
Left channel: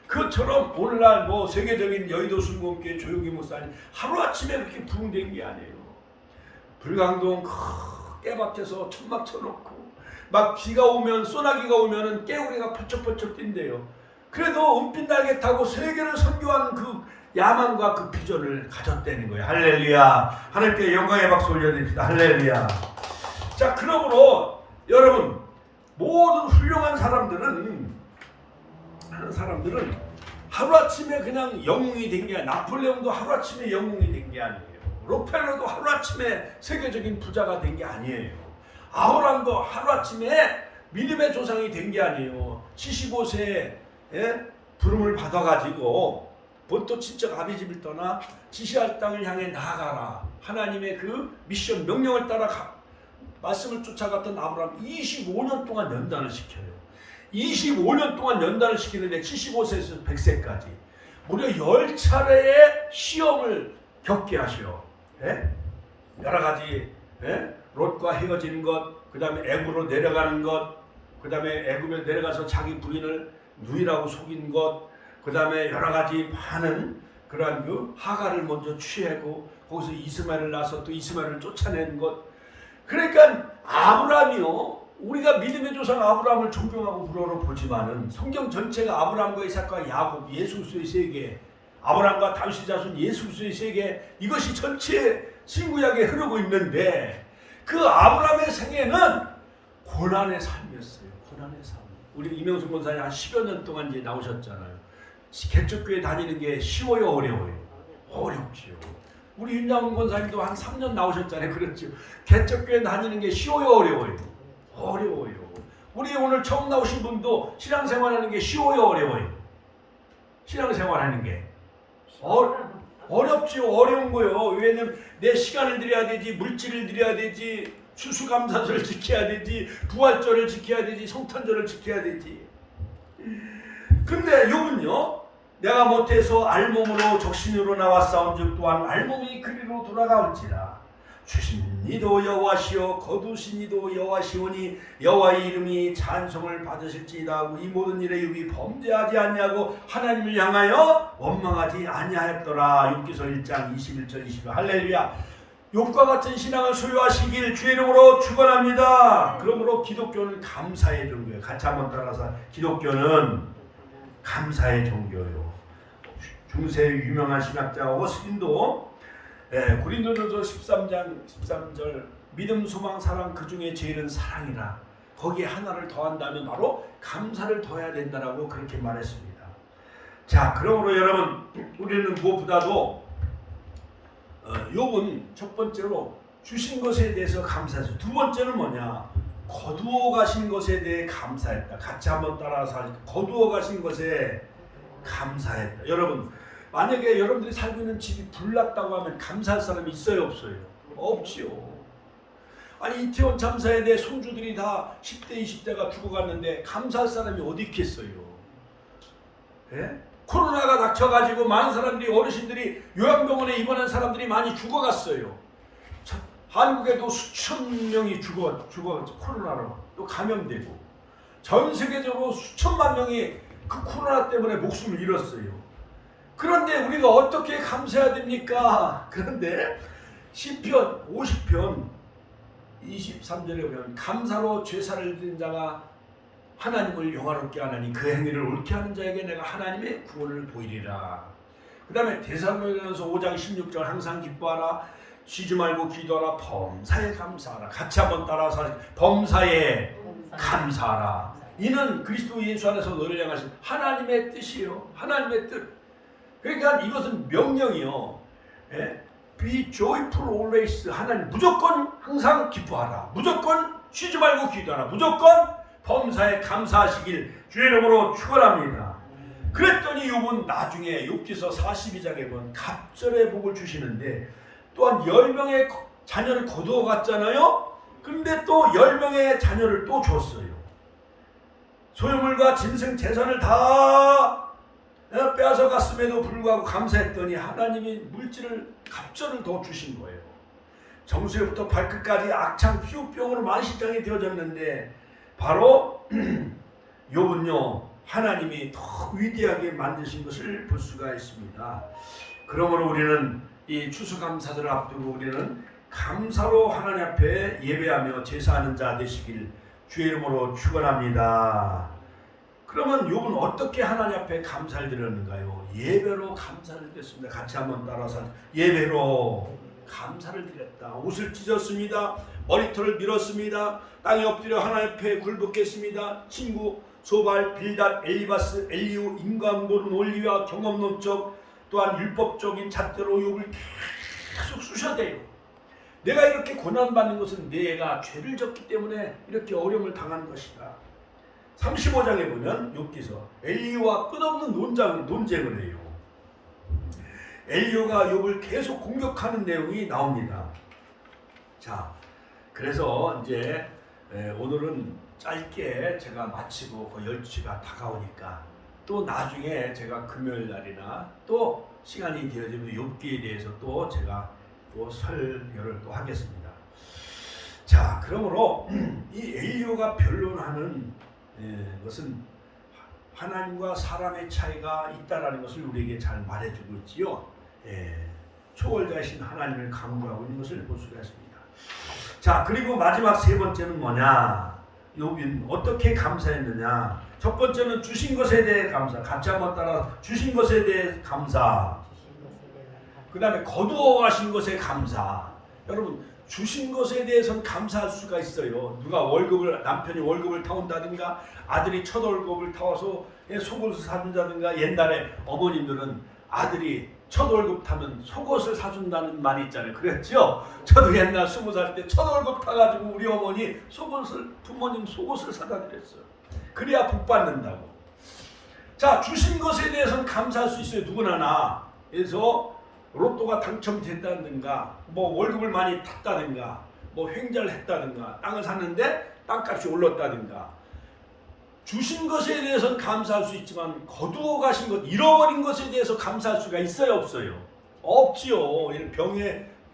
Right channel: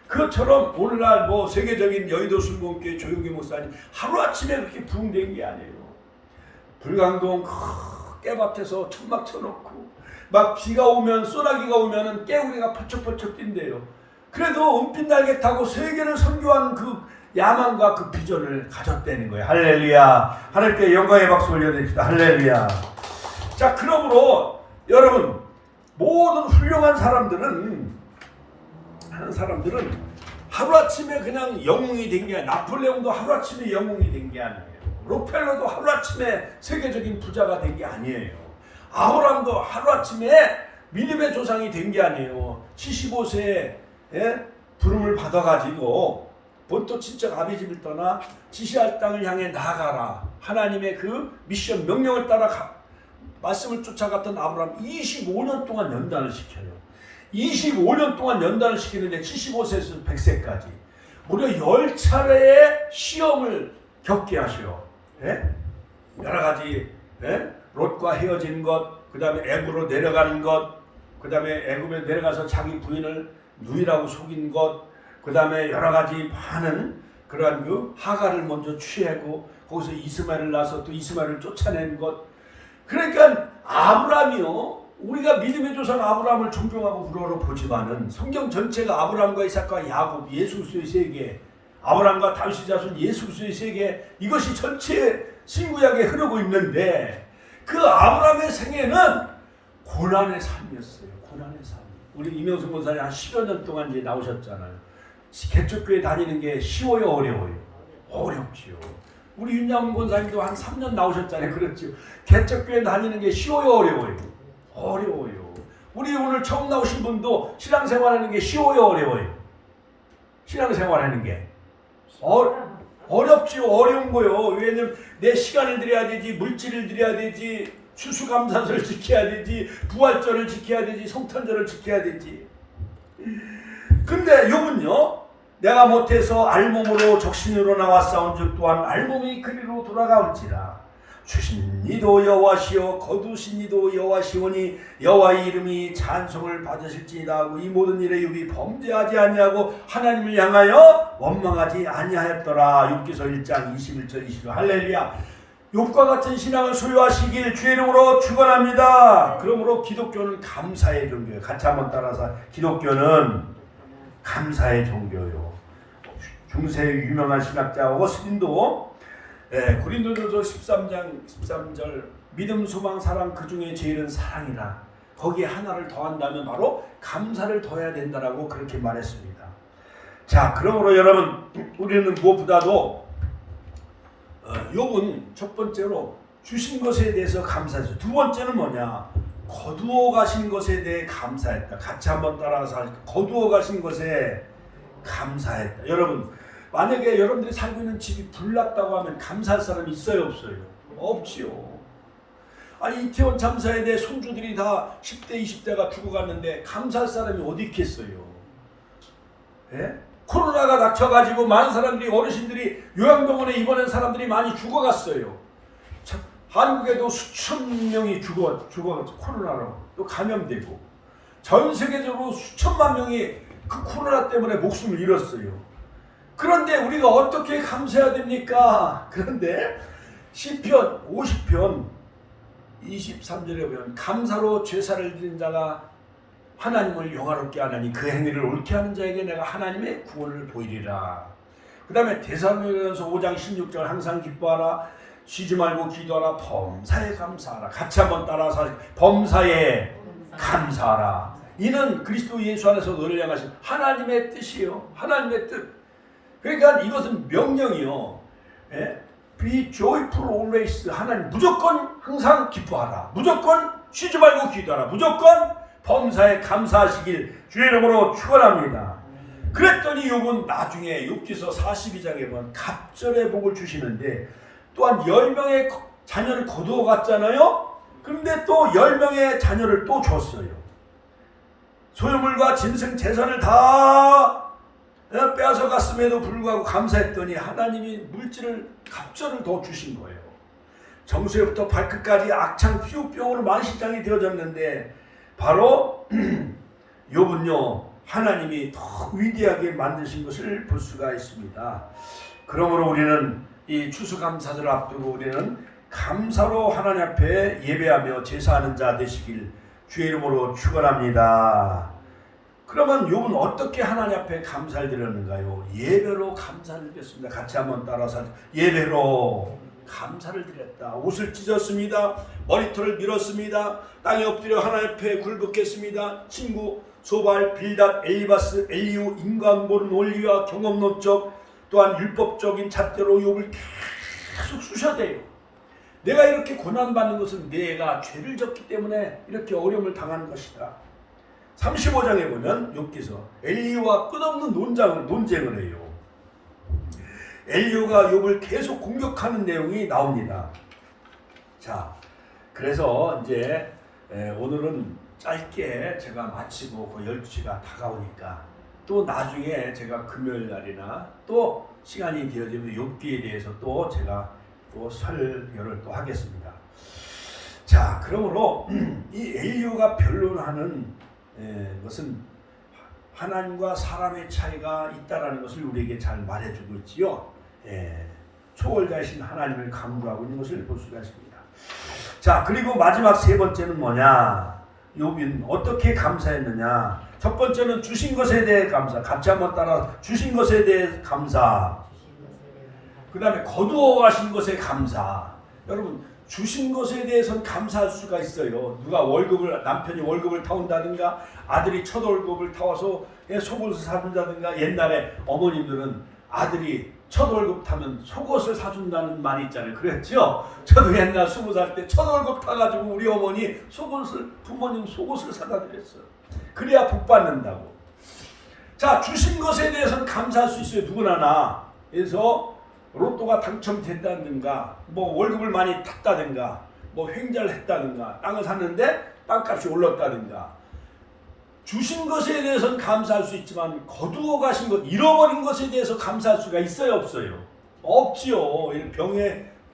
그것처럼 오늘날 뭐 세계적인 여의도 순복음교회 조용기 목사님 하루아침에 그렇게 부흥된 게 아니에요. 불광동 깨밭에서 천막 쳐놓고 막 비가 오면 소나기가 오면은 깨우리가 펄쩍펄쩍 뛴대요. 그래도 은빛 날개 타고 세계를 선교한 그 야망과 그 비전을 가졌다는 거예요. 할렐루야. 하나님께 영광의 박수 올려드립시다. 할렐루야. 자, 그러므로 여러분 모든 훌륭한 사람들은 하루아침에 그냥 영웅이 된 게 아니에요. 나폴레옹도 하루아침에 영웅이 된 게 아니에요. 록펠러도 하루아침에 세계적인 부자가 된 게 아니에요. 아브라함도 하루아침에 믿음의 조상이 된 게 아니에요. 75세에 부름을 받아가지고 본토 친척 아비집을 떠나 지시할 땅을 향해 나아가라. 하나님의 그 미션 명령을 따라 말씀을 쫓아갔던 아브라함 25년 동안 연단을 시켜요. 25년 동안 연단을 시키는데 75세에서 100세까지 무려 10차례의 시험을 겪게 하셔. 여러 가지 롯과 헤어지는 것, 그 다음에 애굽으로 내려가는 것, 그 다음에 애굽에 내려가서 자기 부인을 누이라고 속인 것, 그 다음에 여러 가지 많은 그러한 그 하가를 먼저 취하고 거기서 이스마엘을 낳아서 또 이스마엘을 쫓아낸 것. 그러니까 아브라함이요, 우리가 믿음의 조상 아브라함을 존경하고 우러러 보지만은 성경 전체가 아브라함과 이삭과 야곱, 예수 그리스도의 세계, 아브라함과 다윗의 자손 예수 그리스도의 세계, 이것이 전체 신구약에 흐르고 있는데 그 아브라함의 생애는 고난의 삶이었어요. 고난의 삶. 우리 이명수 목사님 한 10여 년 동안 이제 나오셨잖아요. 개척교회 다니는 게 쉬워요, 어려워요? 어렵지요. 우리 윤양훈 권사님도 한 3년 나오셨잖아요. 그렇죠. 개척교회 다니는 게 쉬워요, 어려워요? 어려워요. 우리 오늘 처음 나오신 분도 신앙생활하는 게 쉬워요, 어려워요? 신앙생활하는 게 어렵지요. 어려운 거요. 왜냐면 내 시간을 들여야 되지, 물질을 들여야 되지, 추수감사절을 지켜야 되지, 부활절을 지켜야 되지, 성탄절을 지켜야 되지. 근데 욥은요, 내가 못해서 알몸으로 적신으로 나왔사온즉 또한 알몸이 그리로 돌아가올지라. 주신 이도 여호와시오 거두신 이도 여호와시오니 여호와의 이름이 찬송을 받으실지이다 하고 이 모든 일에 욥이 범죄하지 아니하고 하나님을 향하여 원망하지 아니하였더라. 욥기서 1장 21절 22절. 할렐루야. 욥과 같은 신앙을 소유하시길 주의 이름으로 축원합니다. 그러므로 기독교는 감사의 종교예요. 같이 한번 따라서 기독교는 감사의 종교요. 중세 유명한 신학자 어거스틴도 고린도전서 13장 13절 믿음, 소망, 사랑 그 중에 제일은 사랑이라. 거기에 하나를 더한다면 바로 감사를 더해야 된다라고 그렇게 말했습니다. 자, 그러므로 여러분 우리는 무엇보다도 욥은 첫 번째로 주신 것에 대해서 감사했어요. 두 번째는 뭐냐? 거두어 가신 것에 대해 감사했다. 같이 한번 따라서 거두어 가신 것에 감사했다. 여러분 만약에 여러분들이 살고 있는 집이 불났다고 하면 감사할 사람이 있어요, 없어요? 없지요. 아니 이태원 참사에 대해 손주들이 다 10대 20대가 죽어갔는데 감사할 사람이 어디 있겠어요? 코로나가 닥쳐가지고 많은 사람들이, 어르신들이 요양병원에 입원한 사람들이 많이 죽어갔어요. 한국에도 수천 명이 죽어 코로나로 또 감염되고 전 세계적으로 수천만 명이 그 코로나 때문에 목숨을 잃었어요. 그런데 우리가 어떻게 감사해야 됩니까? 그런데 시편 50편 23절에 보면 감사로 제사를 드린 자가 하나님을 영화롭게 하나니 그 행위를 옳게 하는 자에게 내가 하나님의 구원을 보이리라. 그 다음에 데살로니가서 5장 16절 항상 기뻐하라, 쉬지 말고 기도하라, 범사에 감사하라. 같이 한번 따라서 범사에 감사하라. 이는 그리스도 예수 안에서 너를 향하신 하나님의 뜻이요, 하나님의 뜻. 그러니까 이것은 명령이요. Be joyful always. 하나님 무조건 항상 기뻐하라. 무조건 쉬지 말고 기도하라. 무조건 범사에 감사하시길 주의 이름으로 축원합니다. 그랬더니 욥은 나중에 욥기서 42장에 보면 갑절의 복을 주시는데 또한 10명의 자녀를 거두어 갔잖아요. 그런데 또 10명의 자녀를 또 줬어요. 소유물과 짐승 재산을 다 빼앗아 갔음에도 불구하고 감사했더니 하나님이 물질을 갑절을 더 주신 거예요. 정수에부터 발끝까지 악창 피부병으로 만신장이 되어졌는데 바로 욥은요 하나님이 더 위대하게 만드신 것을 볼 수가 있습니다. 그러므로 우리는 이 추수감사절을 앞두고 우리는 감사로 하나님 앞에 예배하며 제사하는 자 되시길 주의 이름으로 축원합니다. 그러면 욥은 어떻게 하나님 앞에 감사를 드렸는가요? 예배로 감사를 드렸습니다. 같이 한번 따라서 예배로 감사를 드렸다. 옷을 찢었습니다. 머리털을 밀었습니다. 땅에 엎드려 하나님 앞에 굴복했습니다. 친구 소발, 빌닷, 엘리바스, 엘리우, 인간 모르는 논리와 경험 논적 또한 율법적인 잣대로 욥을 계속 쑤셔대요. 내가 이렇게 고난받는 것은 내가 죄를 졌기 때문에 이렇게 어려움을 당하는 것이다. 35장에 보면 욥기서 엘리우와 끝없는 논쟁을 해요. 엘리우가 욥을 계속 공격하는 내용이 나옵니다. 자, 그래서 이제 오늘은 짧게 제가 마치고 그 12시가 다가오니까 또 나중에 제가 금요일 날이나 또 시간이 되어지면 욥기에 대해서 또 제가 또 설교를 또 하겠습니다. 자, 그러므로 이 엘리우가 변론하는 것은 하나님과 사람의 차이가 있다라는 것을 우리에게 잘 말해주고 있지요. 초월자이신 하나님을 강조하고 있는 것을 볼 수가 있습니다. 자, 그리고 마지막 세 번째는 뭐냐? 욥은 어떻게 감사했느냐? 첫 번째는 주신 것에 대해 감사. 같이 한번 따라 주신 것에 대해 감사. 그 다음에 거두어 가신 것에 감사. 여러분 주신 것에 대해서는 감사할 수가 있어요. 누가 남편이 월급을 타온다든가 아들이 첫 월급을 타와서 속옷을 사준다든가 옛날에 어머님들은 아들이 첫 월급 타면 속옷을 사준다는 말이 있잖아요. 그랬죠? 저도 옛날 20살 때 첫 월급 타가지고 우리 어머니 부모님 속옷을 사다 드렸어요. 그래야 복 받는다고. 자, 주신 것에 대해서는 감사할 수 있어요. 누구나. 그래서 로또가 당첨됐다든가 뭐 월급을 많이 탔다든가 뭐 횡재를 했다든가 땅을 샀는데 땅값이 올랐다든가 주신 것에 대해서는 감사할 수 있지만 거두어 가신 것, 잃어버린 것에 대해서 감사할 수가 있어요, 없어요? 없지요.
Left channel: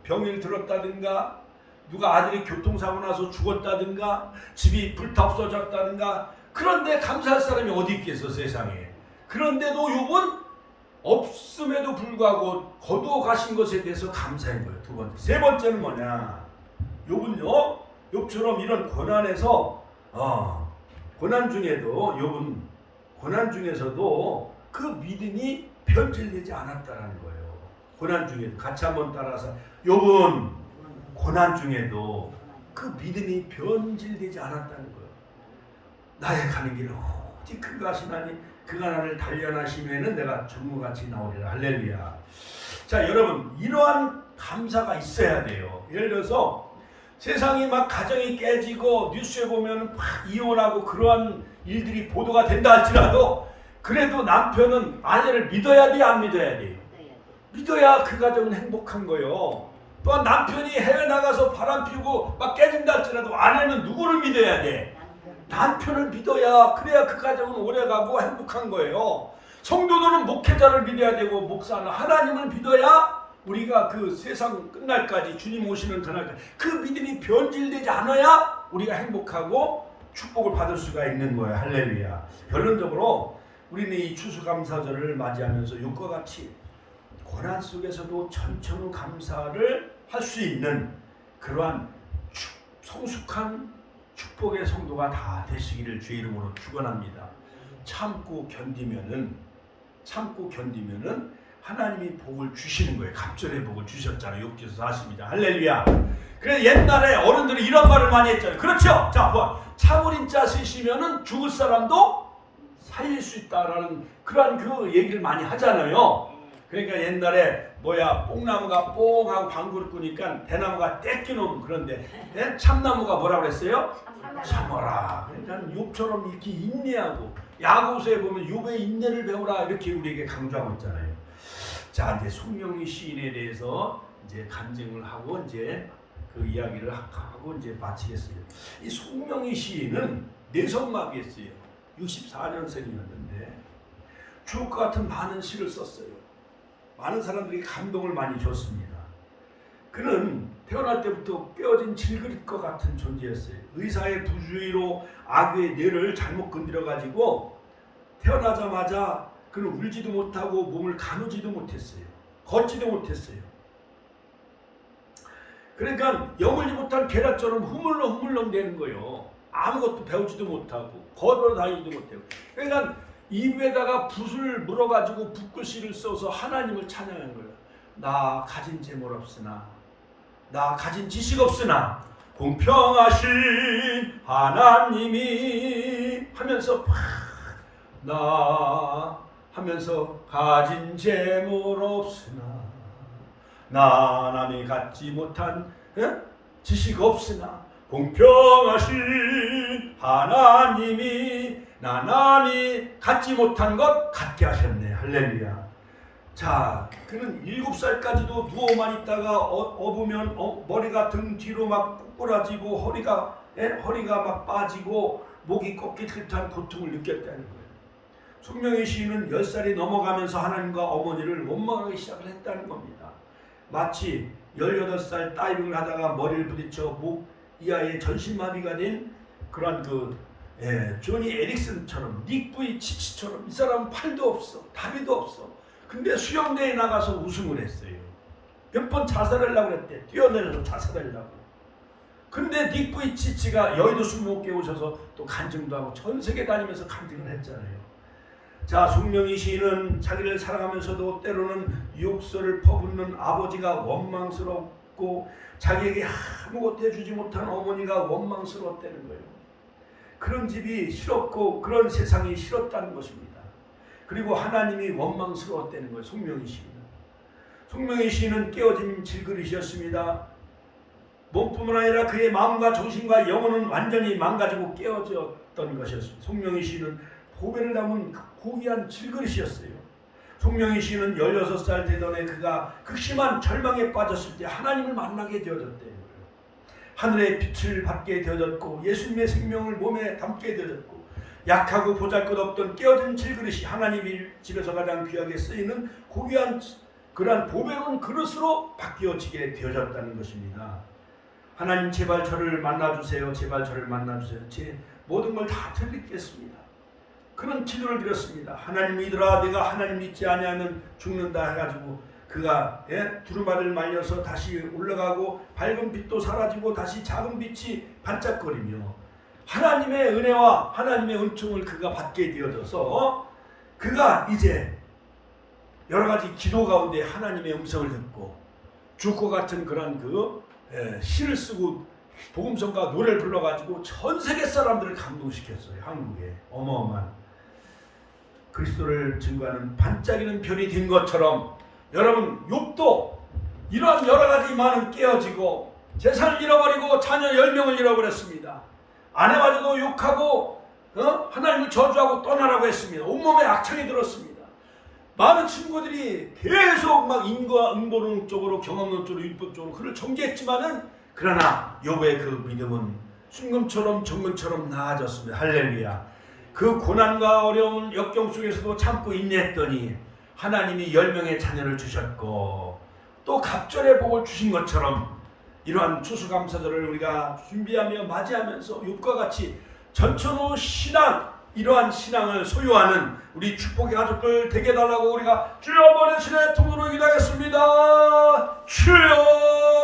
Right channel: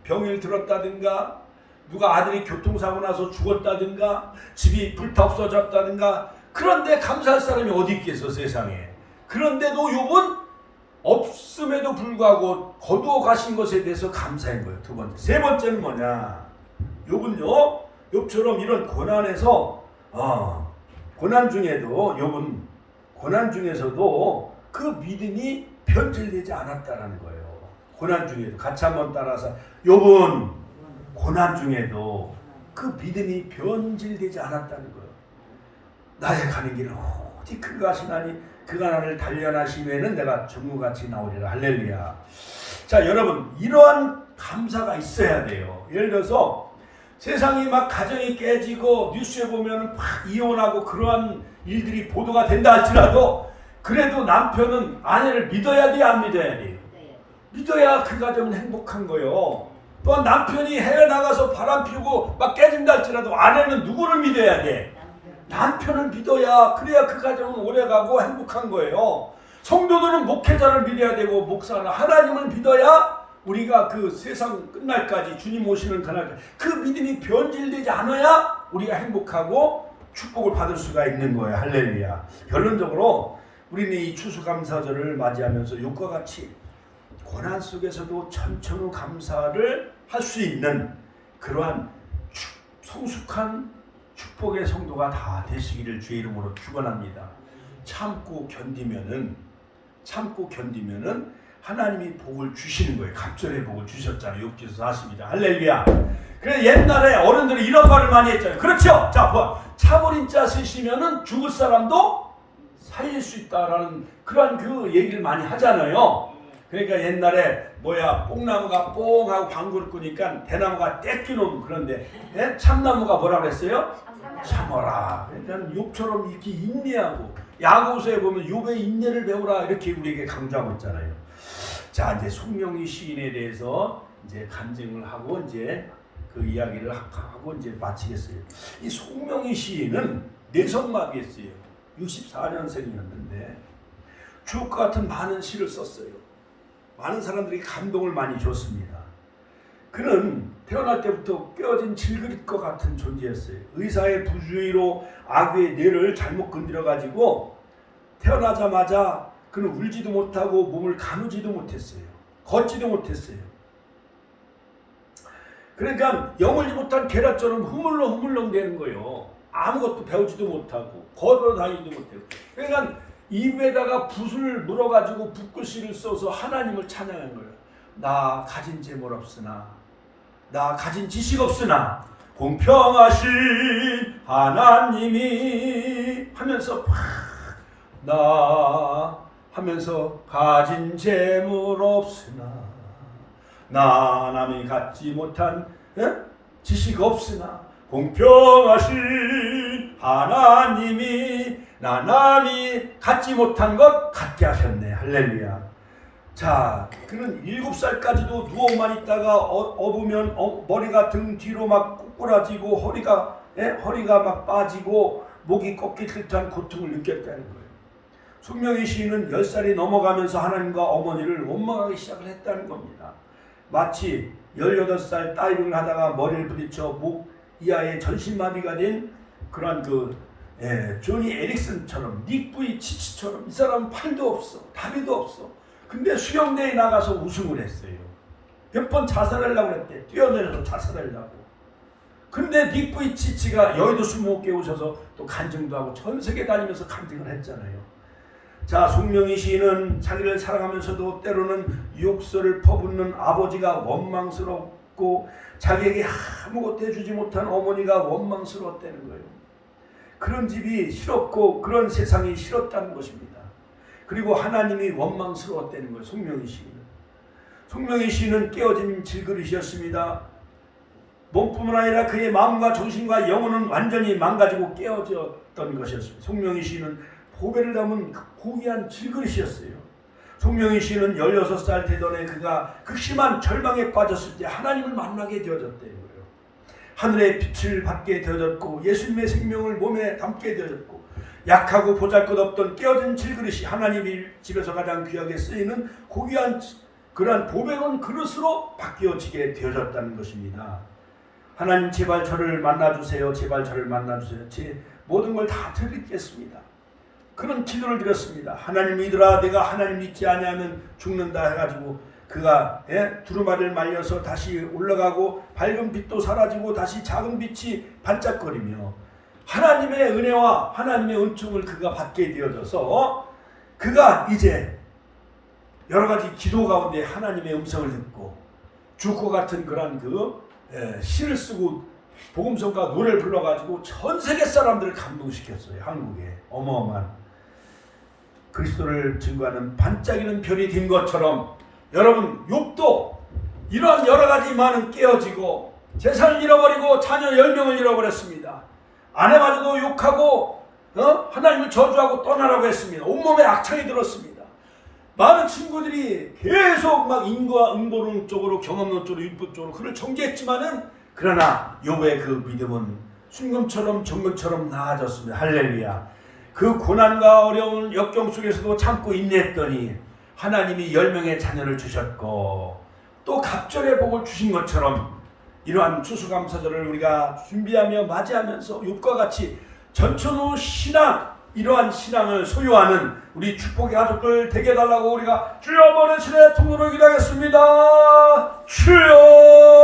병을 들었다든가 누가 아들이 교통사고 나서 죽었다든가 집이 불타 없어졌다든가 그런데 감사할 사람이 어디 있겠어, 세상에. 그런데도 욥은 없음에도 불구하고 거두어 가신 것에 대해서 감사한 거예요. 두 번째. 세 번째는 뭐냐? 욥은요, 욥처럼 이런 고난에서 고난 중에도 욥은 고난 중에서도 그 믿음이 변질되지 않았다라는 거예요. 고난 중에도 같이 한번 따라서 욥은 고난 중에도 그 믿음이 변질되지 않았다는 거예요. 나의 가는 길은 어디 그가 하시나니 그가 나를 단련하시면은 내가 정무같이 나오리라. 할렐루야. 자, 여러분 이러한 감사가 있어야 돼요. 예를 들어서 세상이 막 가정이 깨지고 뉴스에 보면 막 이혼하고 그러한 일들이 보도가 된다 할지라도 그래도 남편은 아내를 믿어야 돼, 안 믿어야 돼? 믿어야 그 가정은 행복한 거예요. 또한 남편이 해외 나가서 바람 피우고 막 깨진다 할지라도 아내는 누구를 믿어야 돼? 남편을 믿어야, 그래야 그 가정은 오래가고 행복한 거예요. 성도들은 목회자를 믿어야 되고 목사는 하나님을 믿어야 우리가 그 세상 끝날까지 주님 오시는 그날까지 그 믿음이 변질되지 않아야 우리가 행복하고 축복을 받을 수가 있는 거예요. 할렐루야. 결론적으로 우리는 이 추수감사절을 맞이하면서 욥과 같이 고난 속에서도 천천후 감사를 할 수 있는 그러한 성숙한 축복의 성도가 다 되시기를 주의 이름으로 축원합니다. 참고 견디면은 하나님이 복을 주시는 거예요. 갑절의 복을 주셨잖아요. 욥기서 42장. 할렐루야. 그래서 옛날에 어른들이 이런 말을 많이 했잖아요. 그렇죠? 자, 참을인자 쓰시면은 죽을 사람도 살릴 수 있다라는 그러한 그 얘기를 많이 하잖아요. 그러니까 옛날에 뽕나무가 뽕하고 방구를 끄니까 대나무가 떼끼는 그런데 참나무가 뭐라 그랬어요? 참어라. 그러니까 욥처럼 이렇게 인내하고 야고보서에 보면 욥의 인내를 배우라 이렇게 우리에게 강조하고 있잖아요. 자, 이제 송명희 시인에 대해서 이제 간증을 하고 이제 그 이야기를 하고 이제 마치겠어요. 이 송명희 시인은 뇌성마비였어요. 64년생이었는데 주옥과 같은 많은 시를 썼어요. 많은 사람들이 감동을 많이 줬습니다. 그는 태어날 때부터 꿰어진 질그릇과 같은 존재였어요. 의사의 부주의로 아귀의 뇌를 잘못 건드려가지고 태어나자마자 그는 울지도 못하고 몸을 가누지도 못했어요. 걷지도 못했어요. 그러니까 여물지 못한 계란처럼 흐물렁흐물렁 되는 거예요. 아무것도 배우지도 못하고 걸어 다니지도 못하고. 그러니까 입에다가 붓을 물어가지고 붓글씨를 써서 하나님을 찬양한 거예요. 나 가진 재물 없으나, 나 가진 지식 없으나 공평하신 하나님이 하면서 나 하면서 가진 재물 없으나, 나 남이 갖지 못한 지식 없으나 공평하신 하나님이 나 남이 갖지 못한 것 갖게 하셨네. 할렐루야. 자, 그는 7살까지도 누워만 있다가 업으면 머리가 등 뒤로 막 꼬꾸라지고 허리가 막 빠지고 목이 꺾일 듯한 고통을 느꼈다는 거예요. 송명희 시인은 10살이 넘어가면서 하나님과 어머니를 원망하기 시작을 했다는 겁니다. 마치 18살 다이빙을 하다가 머리를 부딪혀 목 이하에 전신마비가 된 그런 조니 에릭슨처럼, 닉 부이치치처럼 이 사람은 팔도 없어, 다리도 없어. 근데 수영대에 나가서 우승을 했어요. 몇 번 자살하려고 했대. 뛰어내려서 자살하려고. 근데 닉 부이치치가 여의도 수목교에 오셔서 또 간증도 하고 전 세계 다니면서 간증을 했잖아요. 자, 송명희 시인은 자기를 사랑하면서도 때로는 욕설을 퍼붓는 아버지가 원망스럽고 자기에게 아무것도 해주지 못한 어머니가 원망스러웠다는 거예요. 그런 집이 싫었고 그런 세상이 싫었다는 것입니다. 그리고 하나님이 원망스러웠다는 거예요. 송명희 시인은. 송명희 시인은 깨어진 질그릇이었습니다. 몸뿐만 아니라 그의 마음과 정신과 영혼은 완전히 망가지고 깨어졌던 것이었습니다. 송명희 시인은 보배를 담은 고귀한 질그릇이었어요. 송명희 씨는 16살 되던 해 그가 극심한 절망에 빠졌을 때 하나님을 만나게 되어졌다는 거예요. 하늘의 빛을 받게 되어졌고 예수님의 생명을 몸에 담게 되어졌고 약하고 보잘것없던 깨어진 질그릇이 하나님의 집에서 가장 귀하게 쓰이는 고귀한 그러한 보배로운 그릇으로 바뀌어지게 되어졌다는 것입니다. 하나님 제발 저를 만나주세요. 제발 저를 만나주세요. 제 모든 걸 다 드리겠습니다. 그런 기도를 드렸습니다. 하나님 믿으라. 내가 하나님 믿지 아니하면 죽는다 해가지고 그가 두루마리를 말려서 다시 올라가고 밝은 빛도 사라지고 다시 작은 빛이 반짝거리며 하나님의 은혜와 하나님의 은총을 그가 받게 되어져서 그가 이제 여러 가지 기도 가운데 하나님의 음성을 듣고 죽고 같은 그런 시를 쓰고 복음성과 노래를 불러가지고 전 세계 사람들을 감동시켰어요. 한국에 어마어마한 그리스도를 증거하는 반짝이는 별이 된 것처럼 여러분 욥도 이러한 여러 가지 많은 깨어지고 재산을 잃어버리고 자녀 10명을 잃어버렸습니다. 아내마저도 욕하고 하나님을 저주하고 떠나라고 했습니다. 온몸에 악창이 들었습니다. 많은 친구들이 계속 막 인과 응보론 쪽으로 경험론 쪽으로 율법 쪽으로 그를 정죄했지만은 그러나 욥의 그 믿음은 순금처럼 정금처럼 나아졌습니다. 할렐루야. 그 고난과 어려운 역경 속에서도 참고 인내했더니 하나님이 10명의 자녀를 주셨고 또 갑절의 복을 주신 것처럼 이러한 추수감사절을 우리가 준비하며 맞이하면서 욥과 같이 전천후 신앙 이러한 신앙을 소유하는 우리 축복의 가족들 되게 해달라고 우리가 주여 버리시네 통으로 기도하겠습니다. 주여